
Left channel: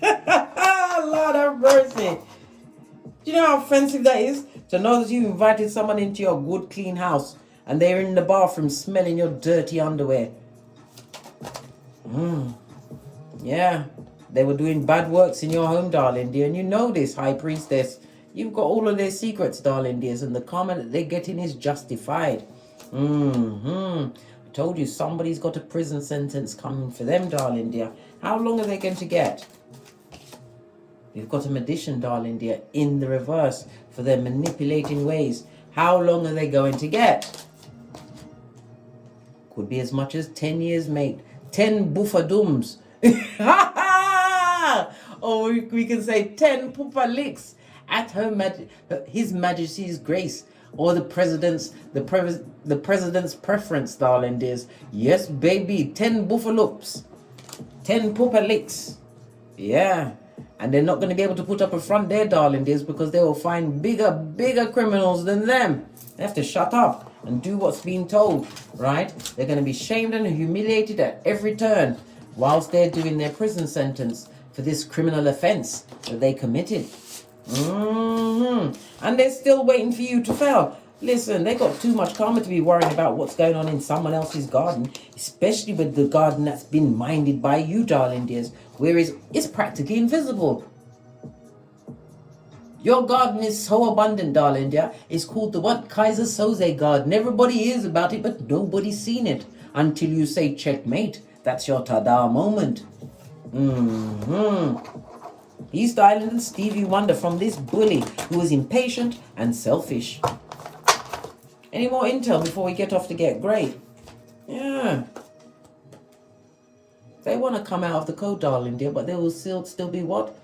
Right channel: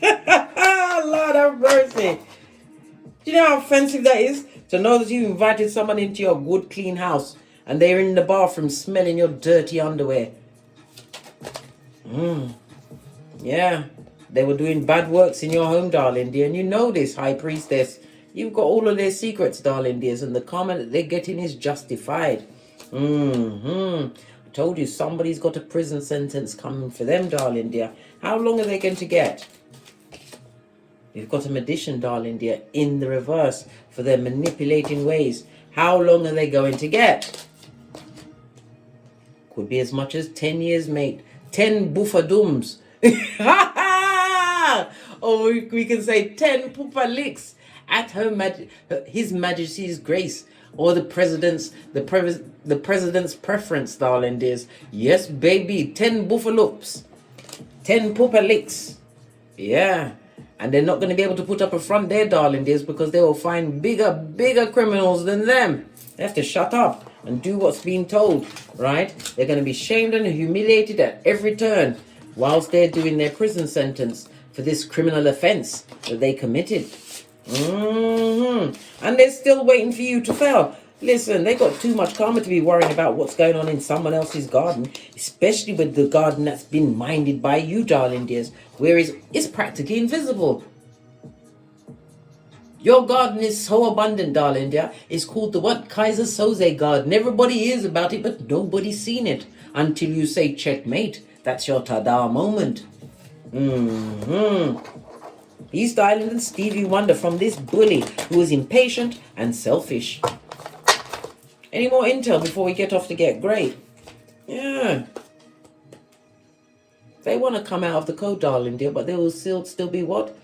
Lord have mercy. Do you know how offensive that is? To know that you invited someone into your good, clean house and they're in the bathroom smelling your dirty underwear. Yeah. They were doing bad works in your home, darling dear. And you know this, High Priestess. You've got all of their secrets, darling dears, and the karma that they're getting is justified. I told you somebody's got a prison sentence coming for them, darling dear. How long are they going to get? You've got a magician, darling dear, in the reverse for their manipulating ways. How long are they going to get? Could be as much as 10 years, mate. 10 buffadums. Or we can say 10 poopa licks at His Majesty's grace, or the president's preference, darling dears. Yes, baby, 10 buffaloops, 10 poopa licks. Yeah, and they're not going to be able to put up a front there, darling dears, because they will find bigger criminals than them. They have to shut up and do what's being told, right? They're going to be shamed and humiliated at every turn whilst they're doing their prison sentence for this criminal offense that they committed. And they're still waiting for you to fail. Listen, they got too much karma to be worrying about what's going on in someone else's garden, especially with the garden that's been minded by you, darling dears, whereas it's practically invisible. Your garden is so abundant, darling dear. It's called the Kaiser Soze garden. Everybody hears about it, but nobody's seen it until you say checkmate. That's your ta-da moment. East Island and Stevie Wonder from this bully who was impatient and selfish. Any more intel before we get off to get great? Yeah. They want to come out of the code, darling dear, but they will still be what?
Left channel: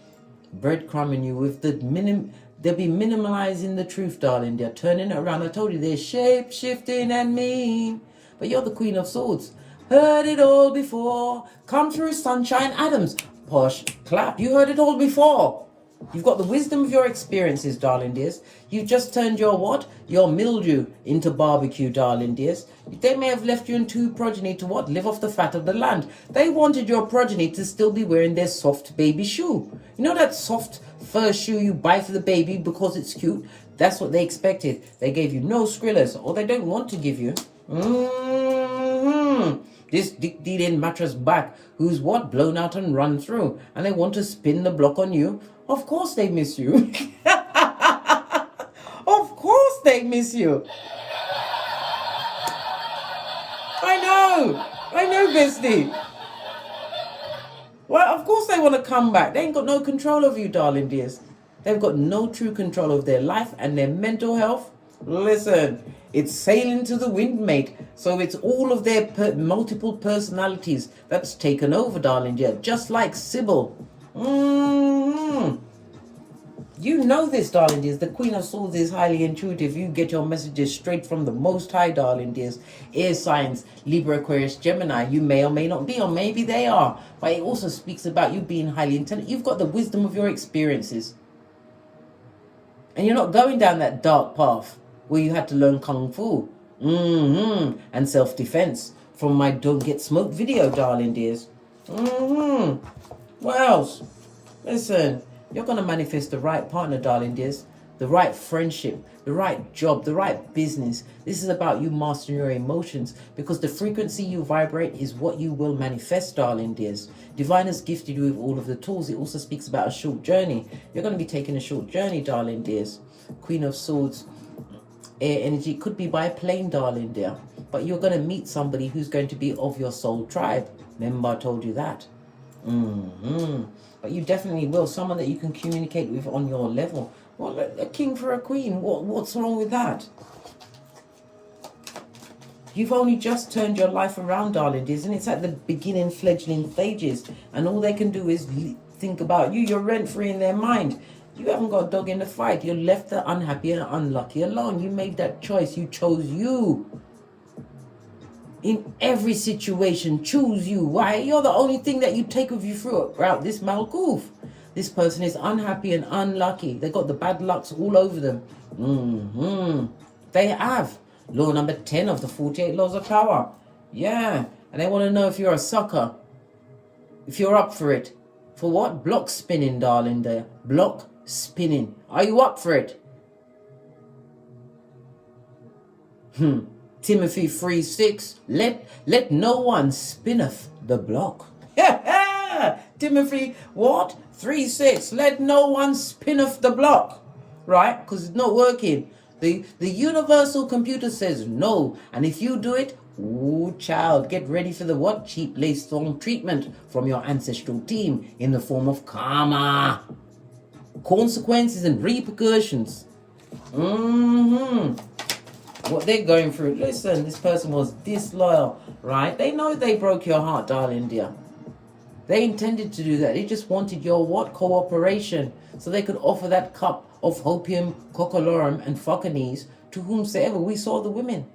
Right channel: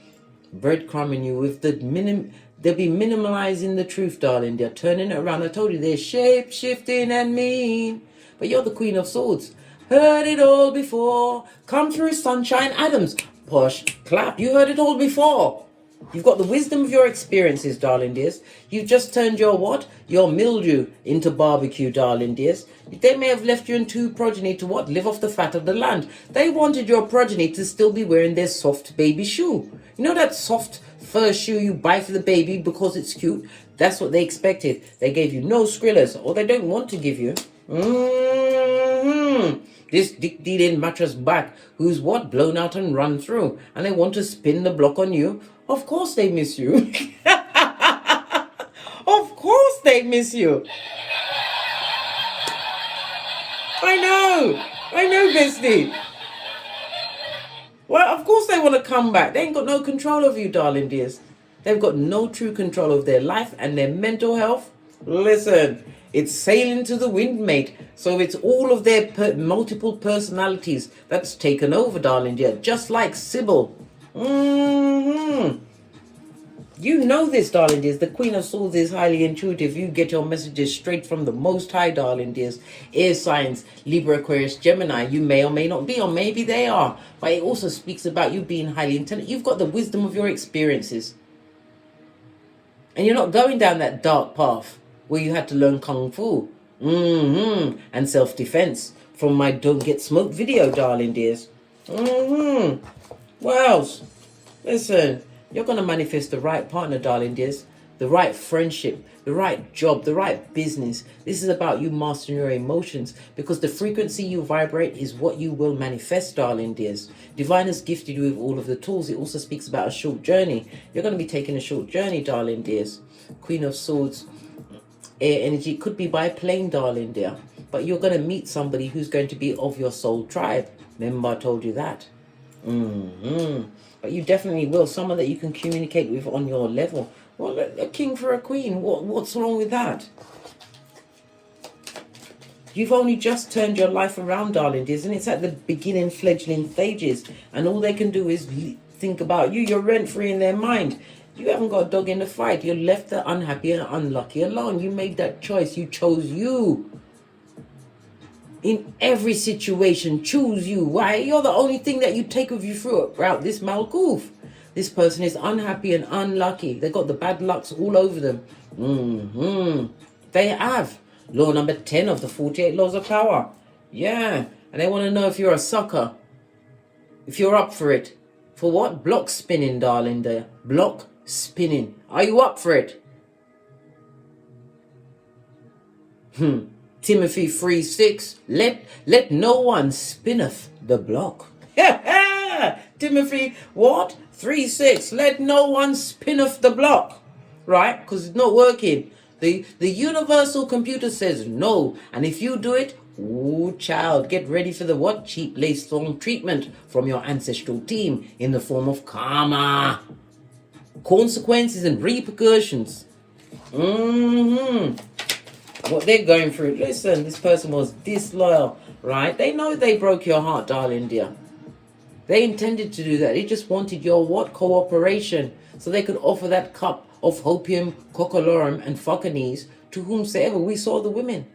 Breadcrumbing you with the they'll be minimalizing the truth, darling dear, turning it around. I told you they're shape-shifting and mean. But you're the Queen of Swords. Heard it all before. Come through, Sunshine Adams. Posh, clap, you heard it all before. You've got the wisdom of your experiences, darling dears. You've just turned your what? Your mildew into barbecue, darling dears. They may have left you and two progeny to what? Live off the fat of the land. They wanted your progeny to still be wearing their soft baby shoe. You know that soft fur shoe you buy for the baby because it's cute? That's what they expected. They gave you no skrillers, or they don't want to give you. This dick-dealing mattress back who's what? Blown out and run through. And they want to spin the block on you. Of course they miss you. Of course they miss you. I know, bestie. Well, of course they want to come back. They ain't got no control of you, darling dears. They've got no true control of their life and their mental health. Listen, it's sailing to the wind, mate. So it's all of their multiple personalities that's taken over, darling dear. Just like Sybil. You know this, darling dears. The Queen of Swords is highly intuitive. You get your messages straight from the Most High, darling dears. Air signs, Libra, Aquarius, Gemini. You may or may not be, or maybe they are. But it also speaks about you being highly intelligent. You've got the wisdom of your experiences. And you're not going down that dark path where you had to learn Kung Fu. And self-defense from my Don't Get Smoked video, darling dears. What else? Listen, you're going to manifest the right partner, darling dears. The right friendship, the right job, the right business. This is about you mastering your emotions, because the frequency you vibrate is what you will manifest, darling dears. Divine has gifted you with all of the tools. It also speaks about a short journey. You're going to be taking a short journey, darling dears. Queen of Swords, air energy. It could be by plane, darling dear. But you're going to meet somebody who's going to be of your soul tribe. Remember I told you that. But you definitely will. Someone that you can communicate with on your level. Well, a king for a queen. What's wrong with that? You've only just turned your life around, darling dears, and it's at the beginning fledgling stages. And all they can do is think about you. You're rent-free in their mind. You haven't got a dog in the fight. You left the unhappy and unlucky alone. You made that choice. You chose you. In every situation, choose you. Why? You're the only thing that you take with you throughout this Malkuth. This person is unhappy and unlucky. They got the bad lucks all over them. They have. Law number 10 of the 48 laws of power. Yeah. And they want to know if you're a sucker. If you're up for it. For what? Block spinning, darling there. Block spinning. Are you up for it? Timothy 3:6. Let no one spinneth the block. Timothy, what? 3:6. Let no one spinneth the block. Right? Because it's not working. The universal computer says no. And if you do it, ooh, child, get ready for the what? Cheap lace thorn treatment from your ancestral team in the form of karma. Consequences and repercussions. What they're going through. Listen, this person was disloyal, right? They know they broke your heart, darling dear. They intended to do that. They just wanted your what? Cooperation. So they could offer that cup of hopium, cockalorum, and fuckanese to whomsoever. We saw the women.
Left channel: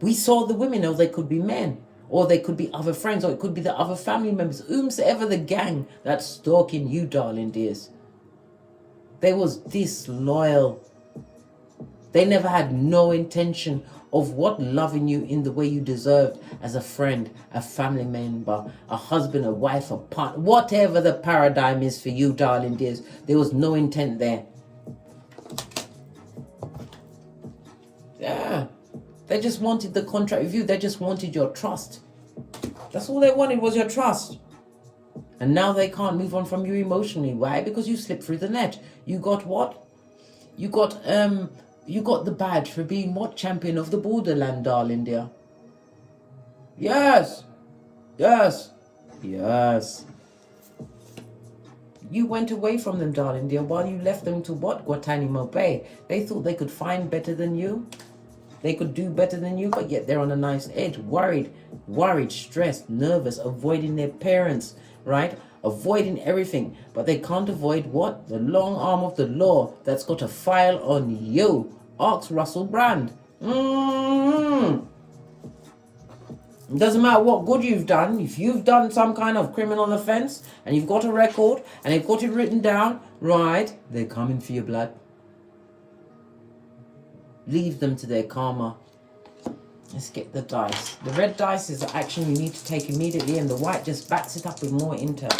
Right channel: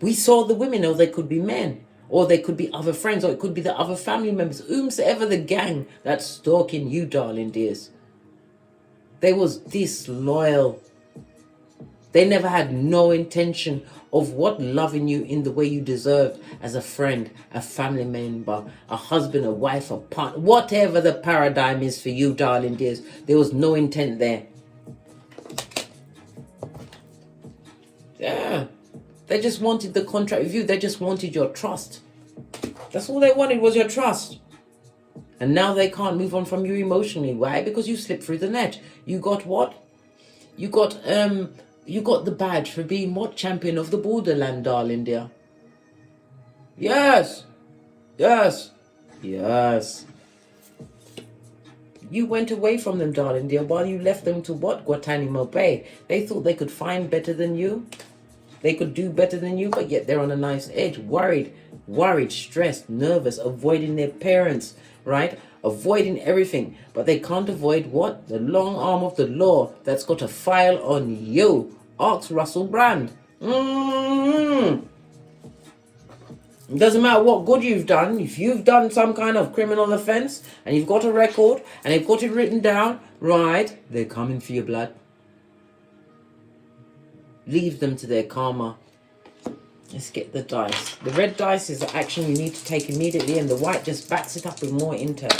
We saw the women, or they could be men, or they could be other friends, or it could be the other family members, whomsoever the gang that's stalking you, darling dears. They was disloyal. They never had no intention of what? Loving you in the way you deserved as a friend, a family member, a husband, a wife, a partner, whatever the paradigm is for you, darling dears. There was no intent there. Yeah. They just wanted the contract with you. They just wanted your trust. That's all they wanted, was your trust. And now they can't move on from you emotionally. Why? Because you slipped through the net. You got what? You got the badge for being what? Champion of the borderland, darling dear. Yes. Yes. Yes. You went away from them, darling dear, while you left them to what? Guantanamo Bay. They thought they could find better than you. They could do better than you, but yet they're on a nice edge. Worried, stressed, nervous, avoiding their parents, right? Avoiding everything. But they can't avoid what? The long arm of the law that's got a file on you. Ask Russell Brand. It doesn't matter what good you've done. If you've done some kind of criminal offense and you've got a record and they've got it written down, right, they're coming for your blood. Leave them to their karma. Let's get the dice. The red dice is the action you need to take immediately, and the white just backs it up with more intel.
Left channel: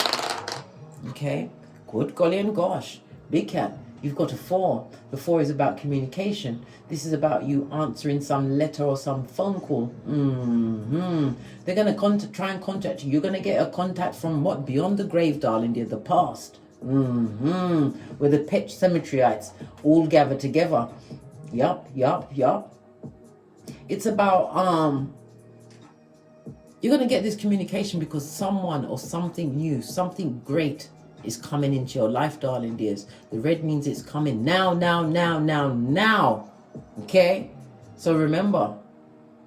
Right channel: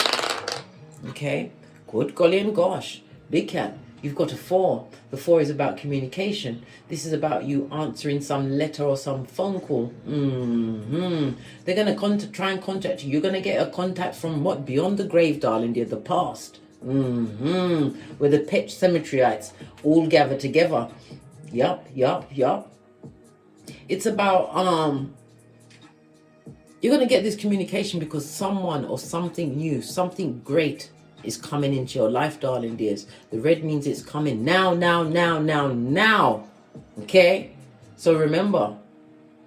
Okay? Good golly and gosh. Big cat. You've got a 4. The 4 is about communication. This is about you answering some letter or some phone call. They're going to try and contact you. You're going to get a contact from what? Beyond the grave, darling dear, the past. Where the Pet Cemeteryites all gather together. Yup. It's about, you're going to get this communication because someone or something new, something great is coming into your life, darling dears. The red means it's coming now. Okay? So remember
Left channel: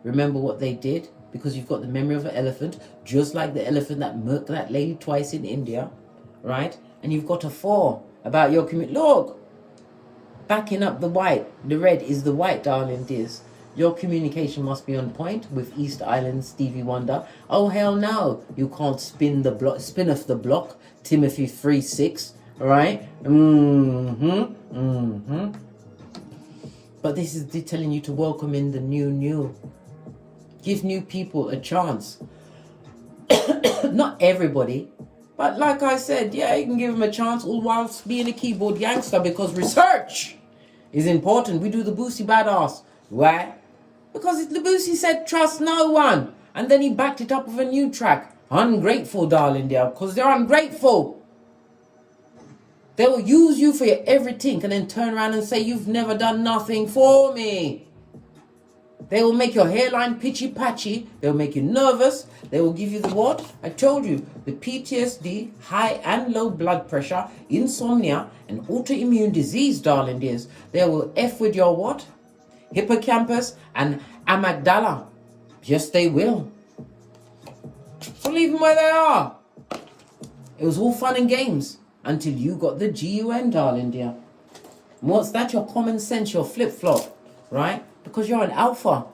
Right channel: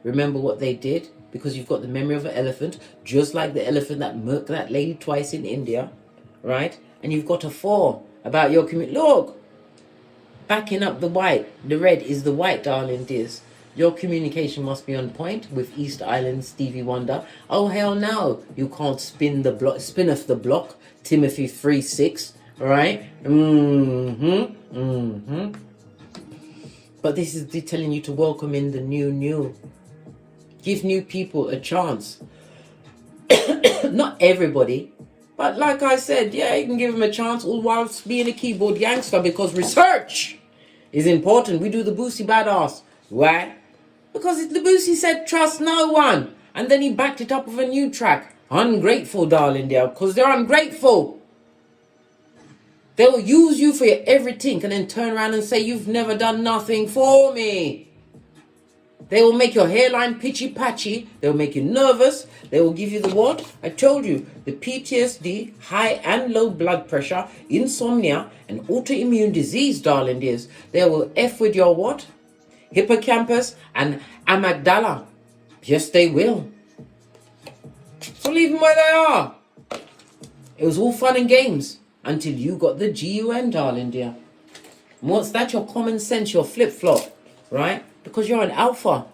what they did, because you've got the memory of an elephant, just like the elephant that murked that lady twice in India, right? And you've got a 4 about your community. Look, backing up the white, the red is the white, darling dears. Your communication must be on point with East Island Stevie Wonder. Oh hell no, you can't spin off the block. Timothy 3:6, right? But this is telling you to welcome in the new. Give new people a chance. Not everybody, but like I said, yeah, you can give them a chance all whilst being a keyboard gangster, because research is important. We do the Boosie badass. Why? Because the Boosie said trust no one, and then he backed it up with a new track. Ungrateful, darling, dear, because they're ungrateful. They'll use you for your everything and then turn around and say you've never done nothing for me. They will make your hairline pitchy-patchy. They'll make you nervous. They will give you the what? I told you, the PTSD, high and low blood pressure, insomnia, and autoimmune disease, darling dears. They will F with your what? Hippocampus and amygdala. Yes, they will. So leave them where they are. It was all fun and games until you got the GUN, darling dear. And what's that? Your common sense, your flip-flop, right? Because you're an alpha.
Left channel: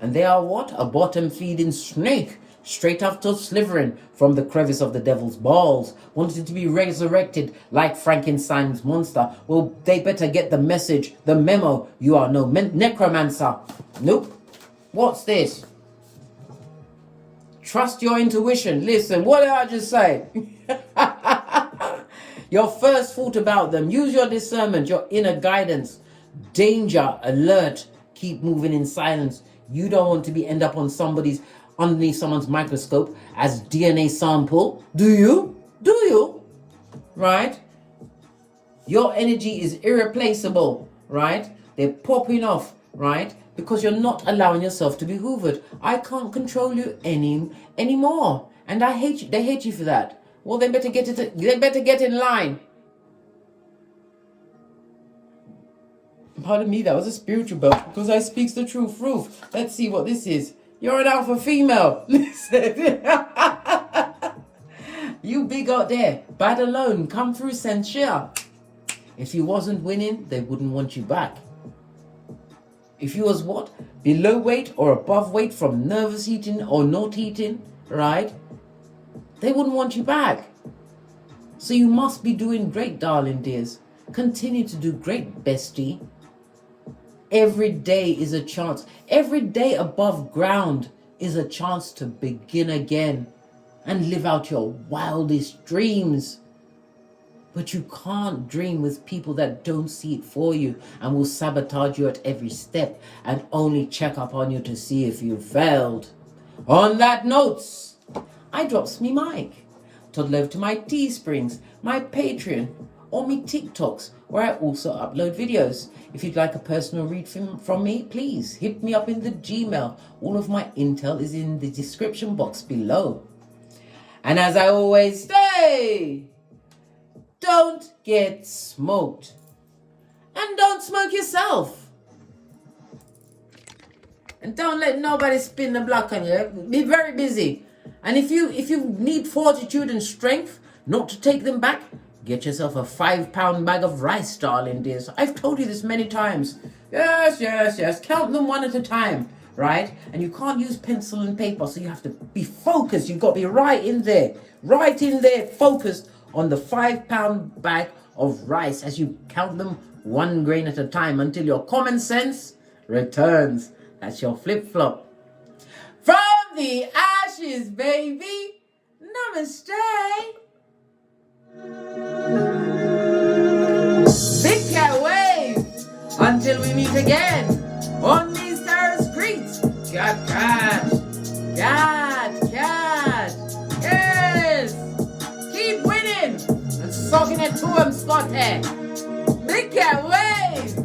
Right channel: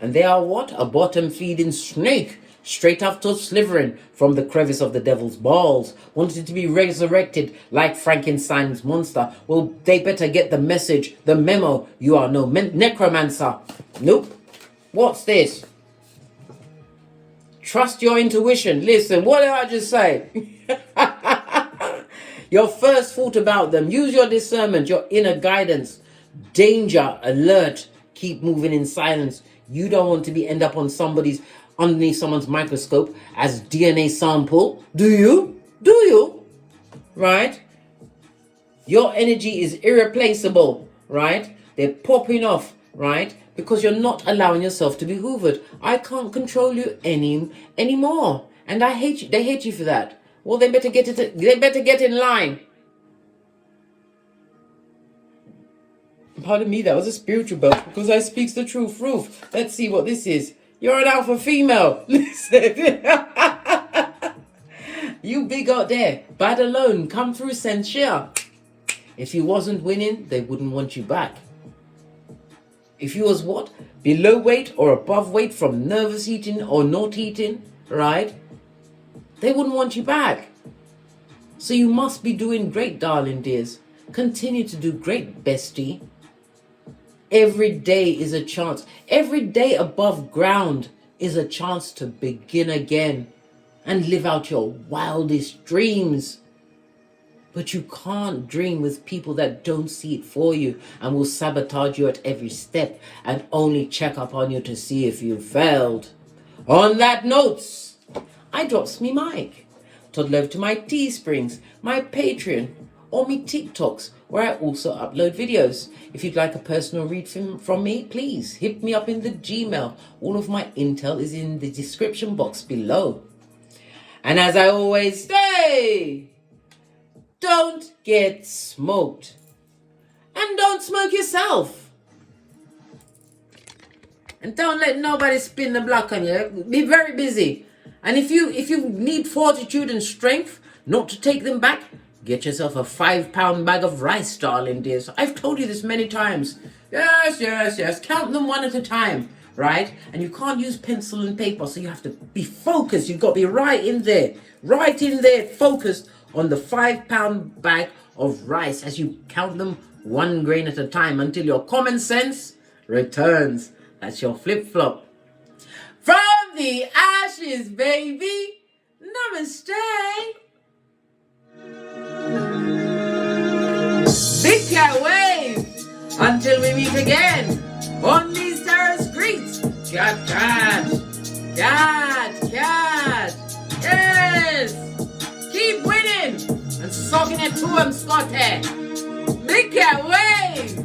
And they are what? A bottom-feeding snake, straight after slithering from the crevice of the devil's balls, wanted to be resurrected like Frankenstein's monster. Well, they better get the message, the memo. You are no necromancer. Nope. What's this? Trust your intuition. Listen, what did I just say? Your first thought about them. Use your discernment, your inner guidance. Danger, alert. Keep moving in silence. You don't want to end up on underneath someone's microscope as DNA sample. Do you? Do you? Right? Your energy is irreplaceable, right? They're popping off, right? Because you're not allowing yourself to be hoovered. I can't control you anymore. And I hate you. They hate you for that. Well, they better get in line. Pardon me, that was a spiritual belt, because I speaks the truth. Let's see what this is. You're an alpha female. Listen. You big out there, bad alone, come through censure. If you wasn't winning, they wouldn't want you back. If you was what? Below weight or above weight from nervous eating or not eating, right? They wouldn't want you back. So you must be doing great, darling dears. Continue to do great, bestie. Every day is a chance. Every day above ground is a chance to begin again and live out your wildest dreams. But you can't dream with people that don't see it for you and will sabotage you at every step and only check up on you to see if you failed. On that note, I drops me mic. Todd love to my Teesprings, my Patreon, or me TikToks, where I also upload videos. If you'd like a personal read from me, please hit me up in the Gmail. All of my intel is in the description box below. And as I always say, don't get smoked. And don't smoke yourself. And don't let nobody spin the block on you. Be very busy. And if you need fortitude and strength not to take them back, get yourself a 5-pound bag of rice, darling dears. I've told you this many times. Yes. Count them one at a time, right? And you can't use pencil and paper, so you have to be focused. You've got to be right in there, focused on the 5-pound bag of rice as you count them 1 grain at a time until your common sense returns. That's your flip-flop. From the ashes, baby. Namaste. Big cat wave until we meet again on these terrace streets. Cat. Yes. Keep winning and soaking it to him, Scotty. Big cat wave.